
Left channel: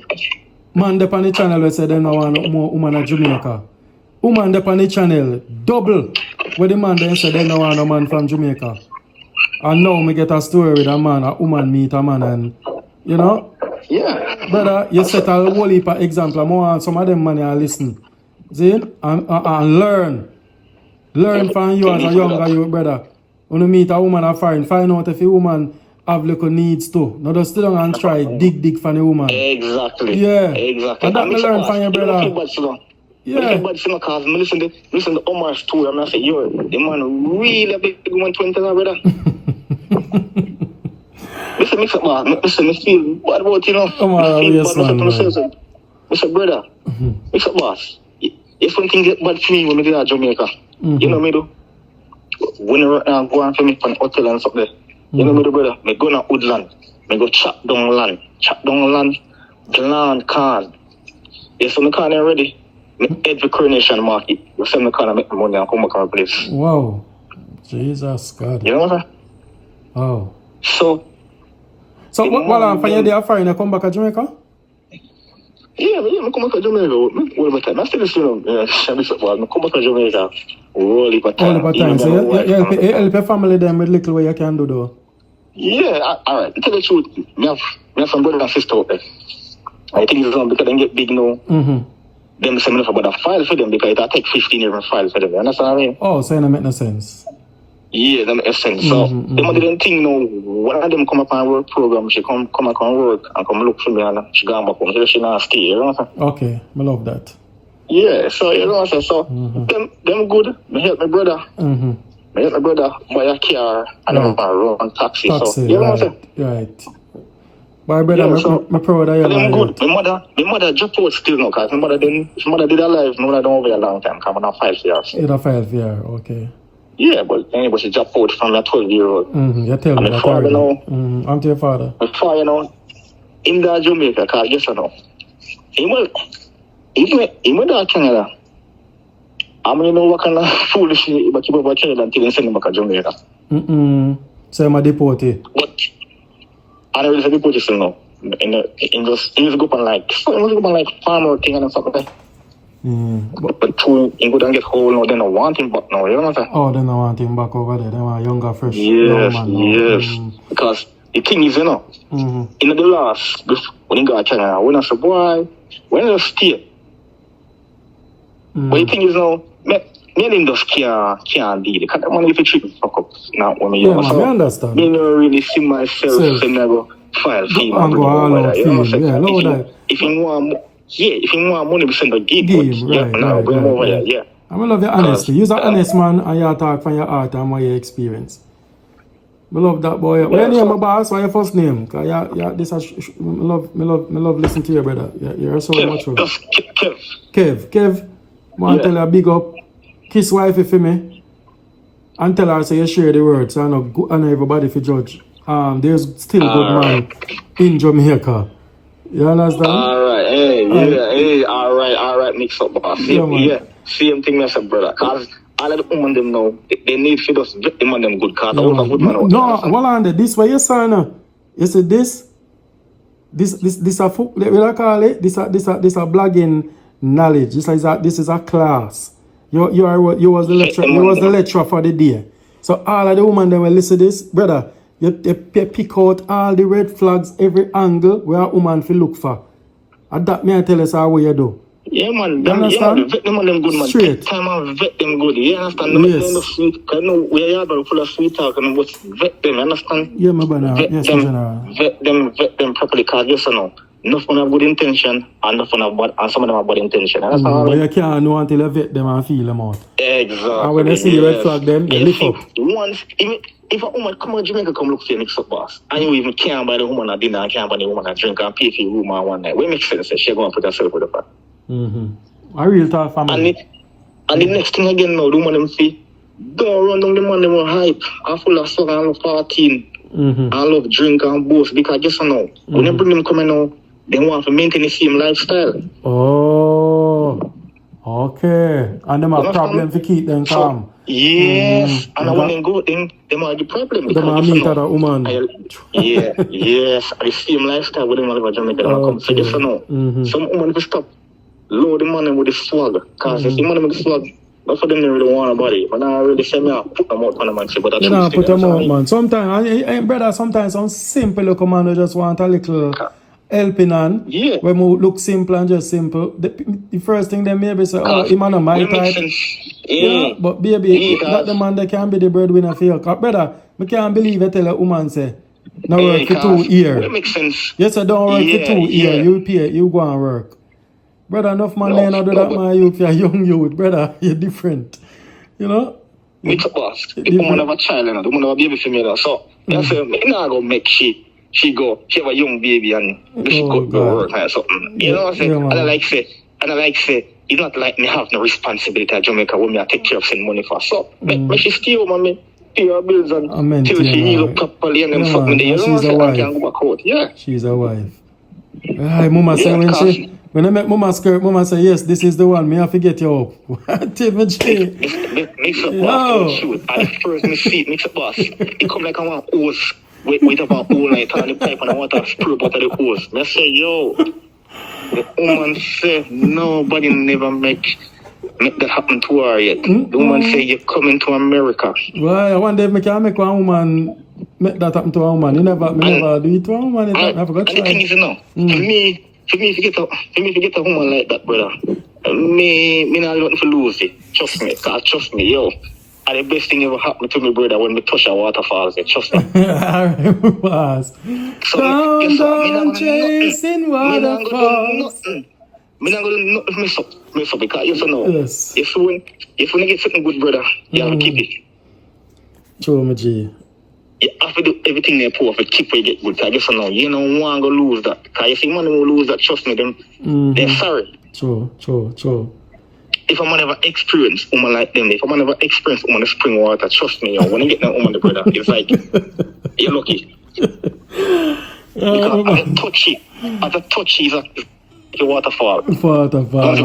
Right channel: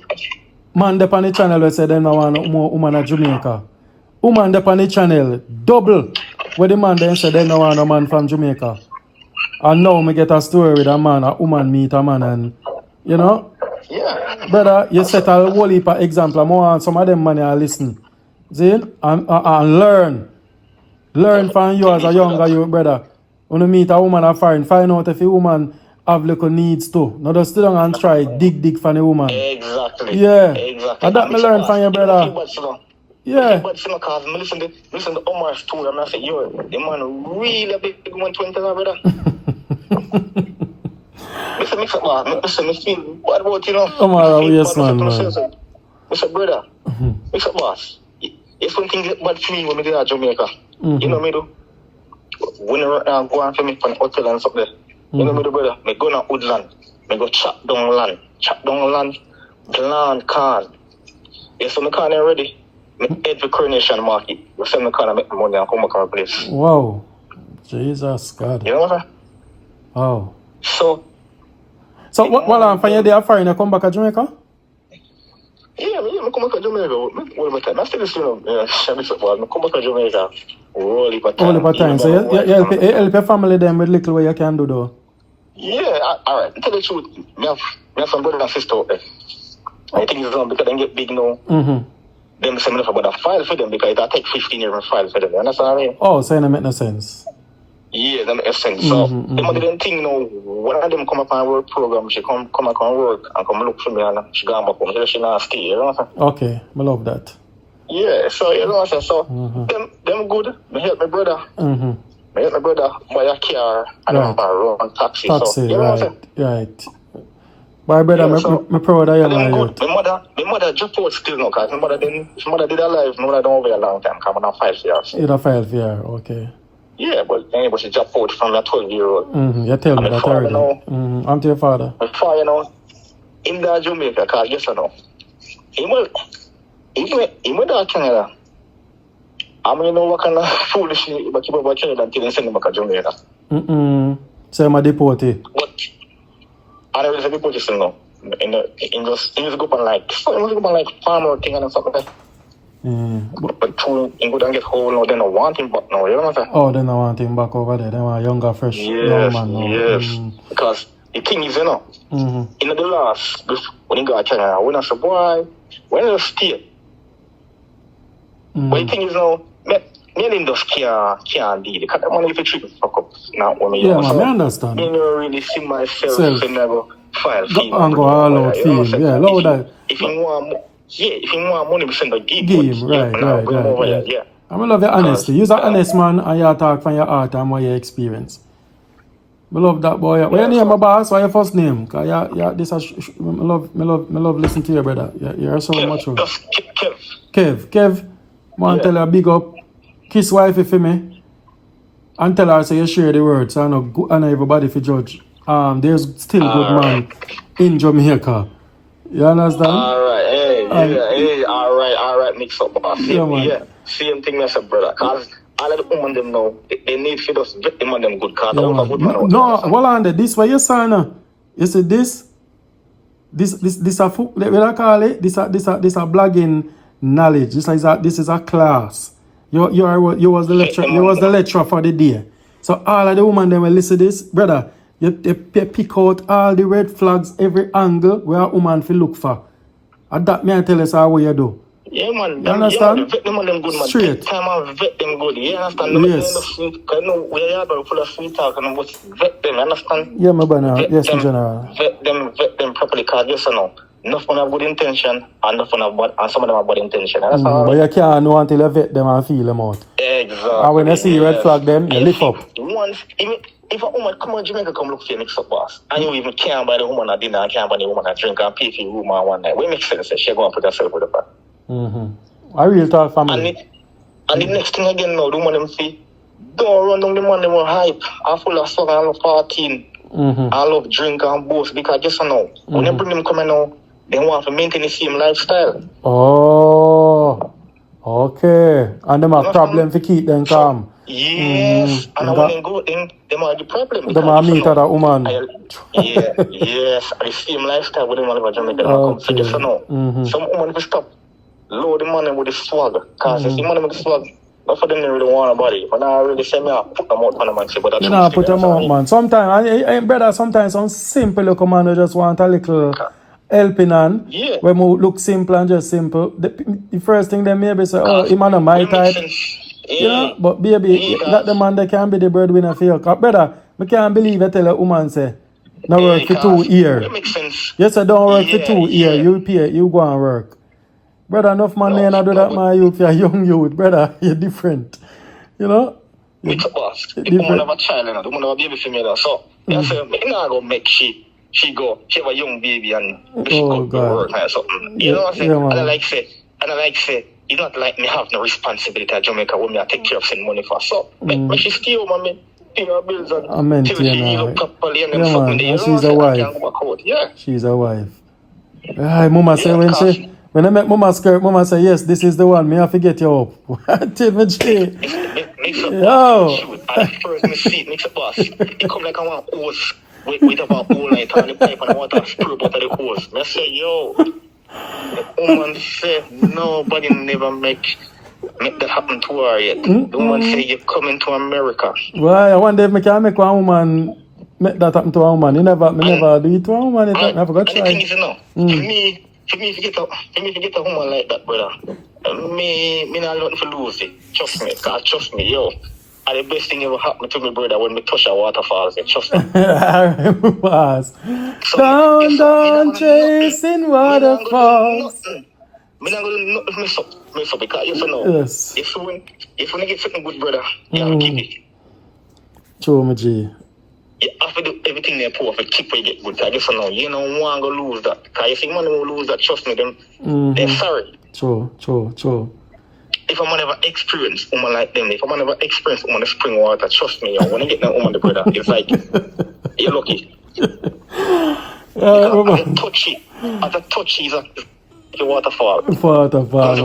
man, up on the channel, we say them don't want more woman in Jamaica. woman there on the channel, double where the man there said they no want a man from Jamaica. And now me get a story with a man, a woman meet a man and, you know? Yeah. Brother, you set a whole heap of example. I want some of them money and listen. See? And learn. Learn from you as a younger you, brother. When you meet a woman a foreign, find out if a woman have little needs too. Now just sit down and try dig for the woman. Exactly. Yeah. Exactly. And that me learn from you, brother. Yeah. Because listen to Omar's story and I say, yo, the man really a big woman 20 now, brother. Listen, listen, I feel bad about, you know. Omar, yes, man. Mr. Brother, Mr. Boss, if something get bad for me when I get to Jamaica, you know me do? When I go on for me from hotel and stuff there, you know me do, brother? I go to woodland, I go chop down land, land can. If I'm kind of ready, every coronation market, we send me kind of make the money and come back to our place. Wow. Jesus God. You know what I'm saying? Oh. So what I'm finding there foreign, you come back to Jamaica? Yeah, I come back to Jamaica. All the time. I still I come back to Jamaica. All the time. So you help your family them with little way you can do though. Yeah, alright. Tell the truth. Me have some brother and sister out there. I think it's because they get big now. Them send me about a file for them because it take 15 years to file for them. You understand what I mean? Oh, so it make no sense. Yeah, that makes sense. So them didn't think no. One of them come up on work program. She come back on work and come look for me and she gone back home. So she not stay. You know what I'm saying? Okay, I love that. Yeah, so you know what I'm saying. So them good. Me help my brother. Me help my brother buy a car and run taxi. Taxi, so, you know right. My brother, my proud of you, my youth. My mother just out still now, because my mother did her life. My mother done over a long time, because I'm not 5 years. You're 5 years, okay. Yeah, but she just out from a 12-year-old. You tell me that already. I'm to your father. Before, you know, in the Jamaica, because yes or no, even that Canada, I mean, you know what kind of foolish but you over Canada until they send them back to Jamaica. So I'm a deportee. And I was a deportee still now. In just go on like farmer thing and stuff like that. But true, you go and get whole now, they don't want him back now, you know what I'm saying? Oh, they don't want him back over there. They want a younger, fresh young man now. Yes, because the thing is, you know, in the last, when you got China, when I said, boy, when I stay, but the thing is now, me just can't deal. Because that money if you treat me fuck up. Now, when yeah, man, I understand. Me don't really see myself in a file. And go all out film. Yeah, love that. If you want money, we send a game. Right. Yeah. I love your honesty. You're an honest man and you talk from your heart and what you experience. I love that, boy. What's your name, my boss? What's your first name? Because I love listening to you, brother. You're so much. Kev. I want to tell you a big up. Kiss wifey for me. And tell her so you share the words. I know everybody for judge. There's still good man in Jamaica. You understand? All right, mix up, boss. Yeah, man. Yeah, same thing, my brother. Because all of the women them know, they need for us get them on them good cars. Yeah, no, hold on there. This what you say now. You see this a what I call it? This a blogging knowledge. This is a class. You was the lecturer for the day. So all of the women they will listen to this, brother. You pick out all the red flags, every angle where a woman feel look for. And that may I tell us how you do. Yeah, man. You understand? Yeah, vet them on them good, man. Straight. Time I vet them good. You understand? Yes. Because we are full of sweet talk and we vet them. You understand? Yeah, my brother. Yes, in general. Vet them properly. Because yes or no, enough of them have good intention and some of them have bad intention. But you can't know until you vet them and feel them out. Exactly. And when you see red flag them, you lift up. If a woman come to Jamaica, come look for your MIXUP boss, and you even can't buy the woman a dinner and can't buy the woman a drink and pay for your room one night, what makes sense? She's going to put herself with the fact. A real talk family. And the next thing again now, the woman them see, don't run down the man them hype, and full of stuff and love 14, I love drink and boast, because just now, when they bring them coming now, they want to maintain the same lifestyle. Oh, okay. And them have problem to keep them calm. Yes, and when they go in, they might have the problem. They might meet other woman. Yes, the same lifestyle with them all over Jamaica. Okay. So now, some women will stop load the money with the swag. Because if the money with the swag, not for them they really want nobody. But I really say me I put them out on the man. But You know, put them out, man. Sometimes, brother, sometimes some simple little man who just want a little helping hand. Yeah. When we look simple and just simple. The first thing they maybe say, oh, him not my type. You know, but baby, that the man that can be the breadwinner for you. Brother, I can't believe I tell a woman say, no work for 2 years. That makes sense. Yes, I don't work for 2 years. You pay, you go and work. Brother, enough man there not do that, man. You for a young youth, brother. You're different. You know? It's a boss. The woman have a child and the woman have a baby for me. So, I say, I'm not going to make she have a young baby and she go work or something. You know what I'm saying? And I like say, you don't like me have no responsibility at Jamaica when I take care of some money for. So, when she still want me, pay her bills and maintain properly and yeah, man. And she's a wife. Yeah. She's a wife. Hi, Mama say when I met Mama skirt, Mama say, yes, this is the one. Me have to get you up. What? Even she? Yo. MIXUP boss. It come like I want hose. Wait about all night on the pipe and I want to screw out of the hose. I say, yo. The woman said nobody never make that happen to her yet. The woman say you're coming to America. Why? I wonder if I can make one woman make that happen to a woman. Me never do it to a woman. I forgot to try. The thing is, you know, for me to get a woman like that, brother, me not nothing to lose it. Trust me, yo. And the best thing ever happened to me, brother, when we touch a waterfalls, trust me. Alright, boss. Down, chasing waterfalls. I'm not going to mess up because you know, yes. if we get something good, brother, you have to keep it. True, my G. You have to do everything they pour to keep it get good. I guess you don't want to lose that. Because if you want to lose that, trust me, they're sorry. True. If I'm never experienced woman like them, if I'm never experienced woman in spring water, trust me, when you get that woman, brother, it's like, you're lucky. At the touch is a waterfall. Waterfall.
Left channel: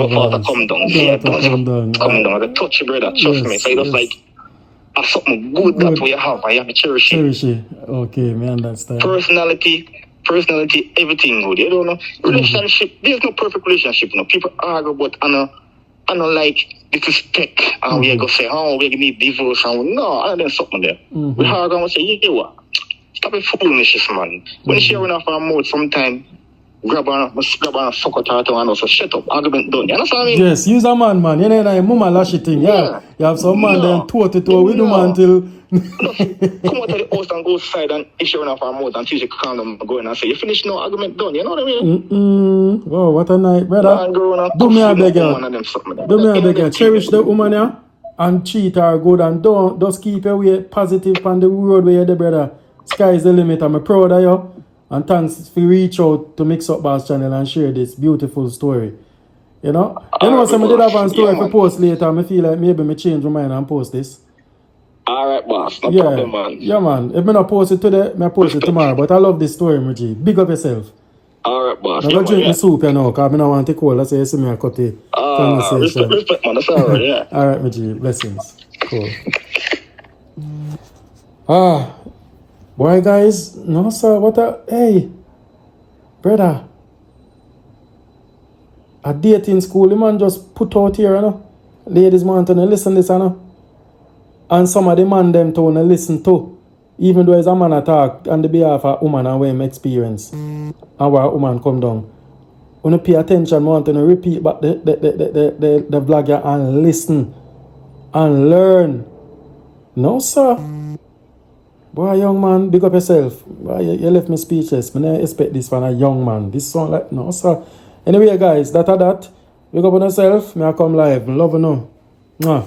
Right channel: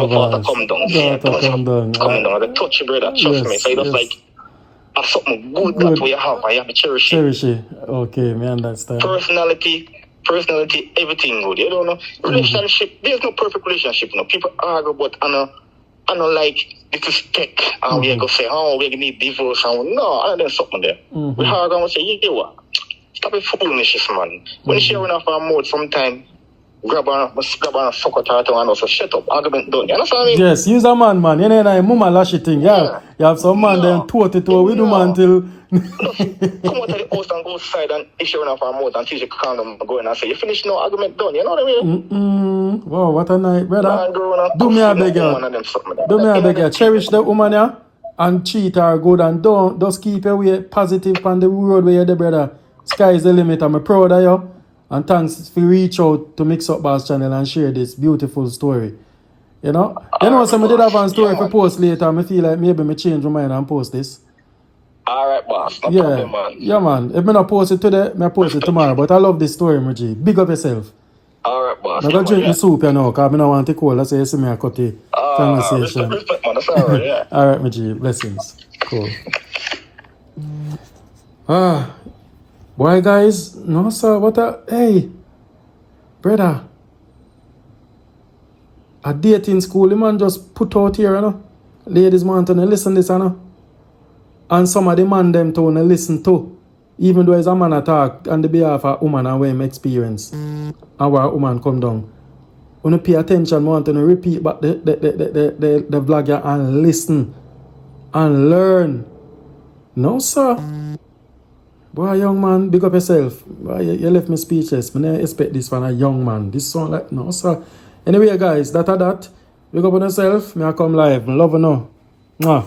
Come down. The touch, brother, trust me. So it's like, that's something good that we have. I have to cherish it. Okay, me understand. Personality, everything good. You don't know. Relationship, there's no perfect relationship. You know, people argue, but I don't like disrespect. And we go say, oh, we need divorce. And no, I don't something there. We argue and say, you know what? Stop it foolishness, man. When she run off our mouth sometime, grab her and fuck her and also shut up. Argument done. You understand me? Yes, use a man. You know, mama lashy thing. Yeah. You have some man then toe with the man till. Come out to the post and go side and issue enough our mouth and she calm them going and say, you finish no argument done. You know what I mean? Oh, what a night, brother. Do me a beg you. Cherish the woman, yeah? And treat her good and don't just keep your way positive on the road where you're the brother. Sky is the limit. I'm proud of you. And thanks for reach out to MIXUP Boss channel and share this beautiful story. You know? Some did have a story for post later. I feel like maybe I change my mind and post this. Alright, boss. Yeah, man. If I not post it today, I post it tomorrow. But I love this story, Muji. Big up yourself. Alright, boss. I'm going to drink my soup, you know, because I don't want to cold. That's why you see me a cut the conversation. Respect, man. That's alright, yeah. Alright, Muji. Blessings. Cool. Boy, guys. No, sir. Hey. Brother. A dating school, the man just put out here, you know. Ladies want to listen to this, you know. And some of the man them to listen to. Even though it's a man attack on the behalf of a woman and what him experience. And where a woman come down. When you pay attention, I want to repeat back the vlog and listen. And learn. No, sir. Boy, young man, big up yourself. Boy, you left me speechless. I didn't expect this from a young man. This song like, no, sir. Anyway, guys, that. Big up on yourself. I come live. Love you now. Mwah.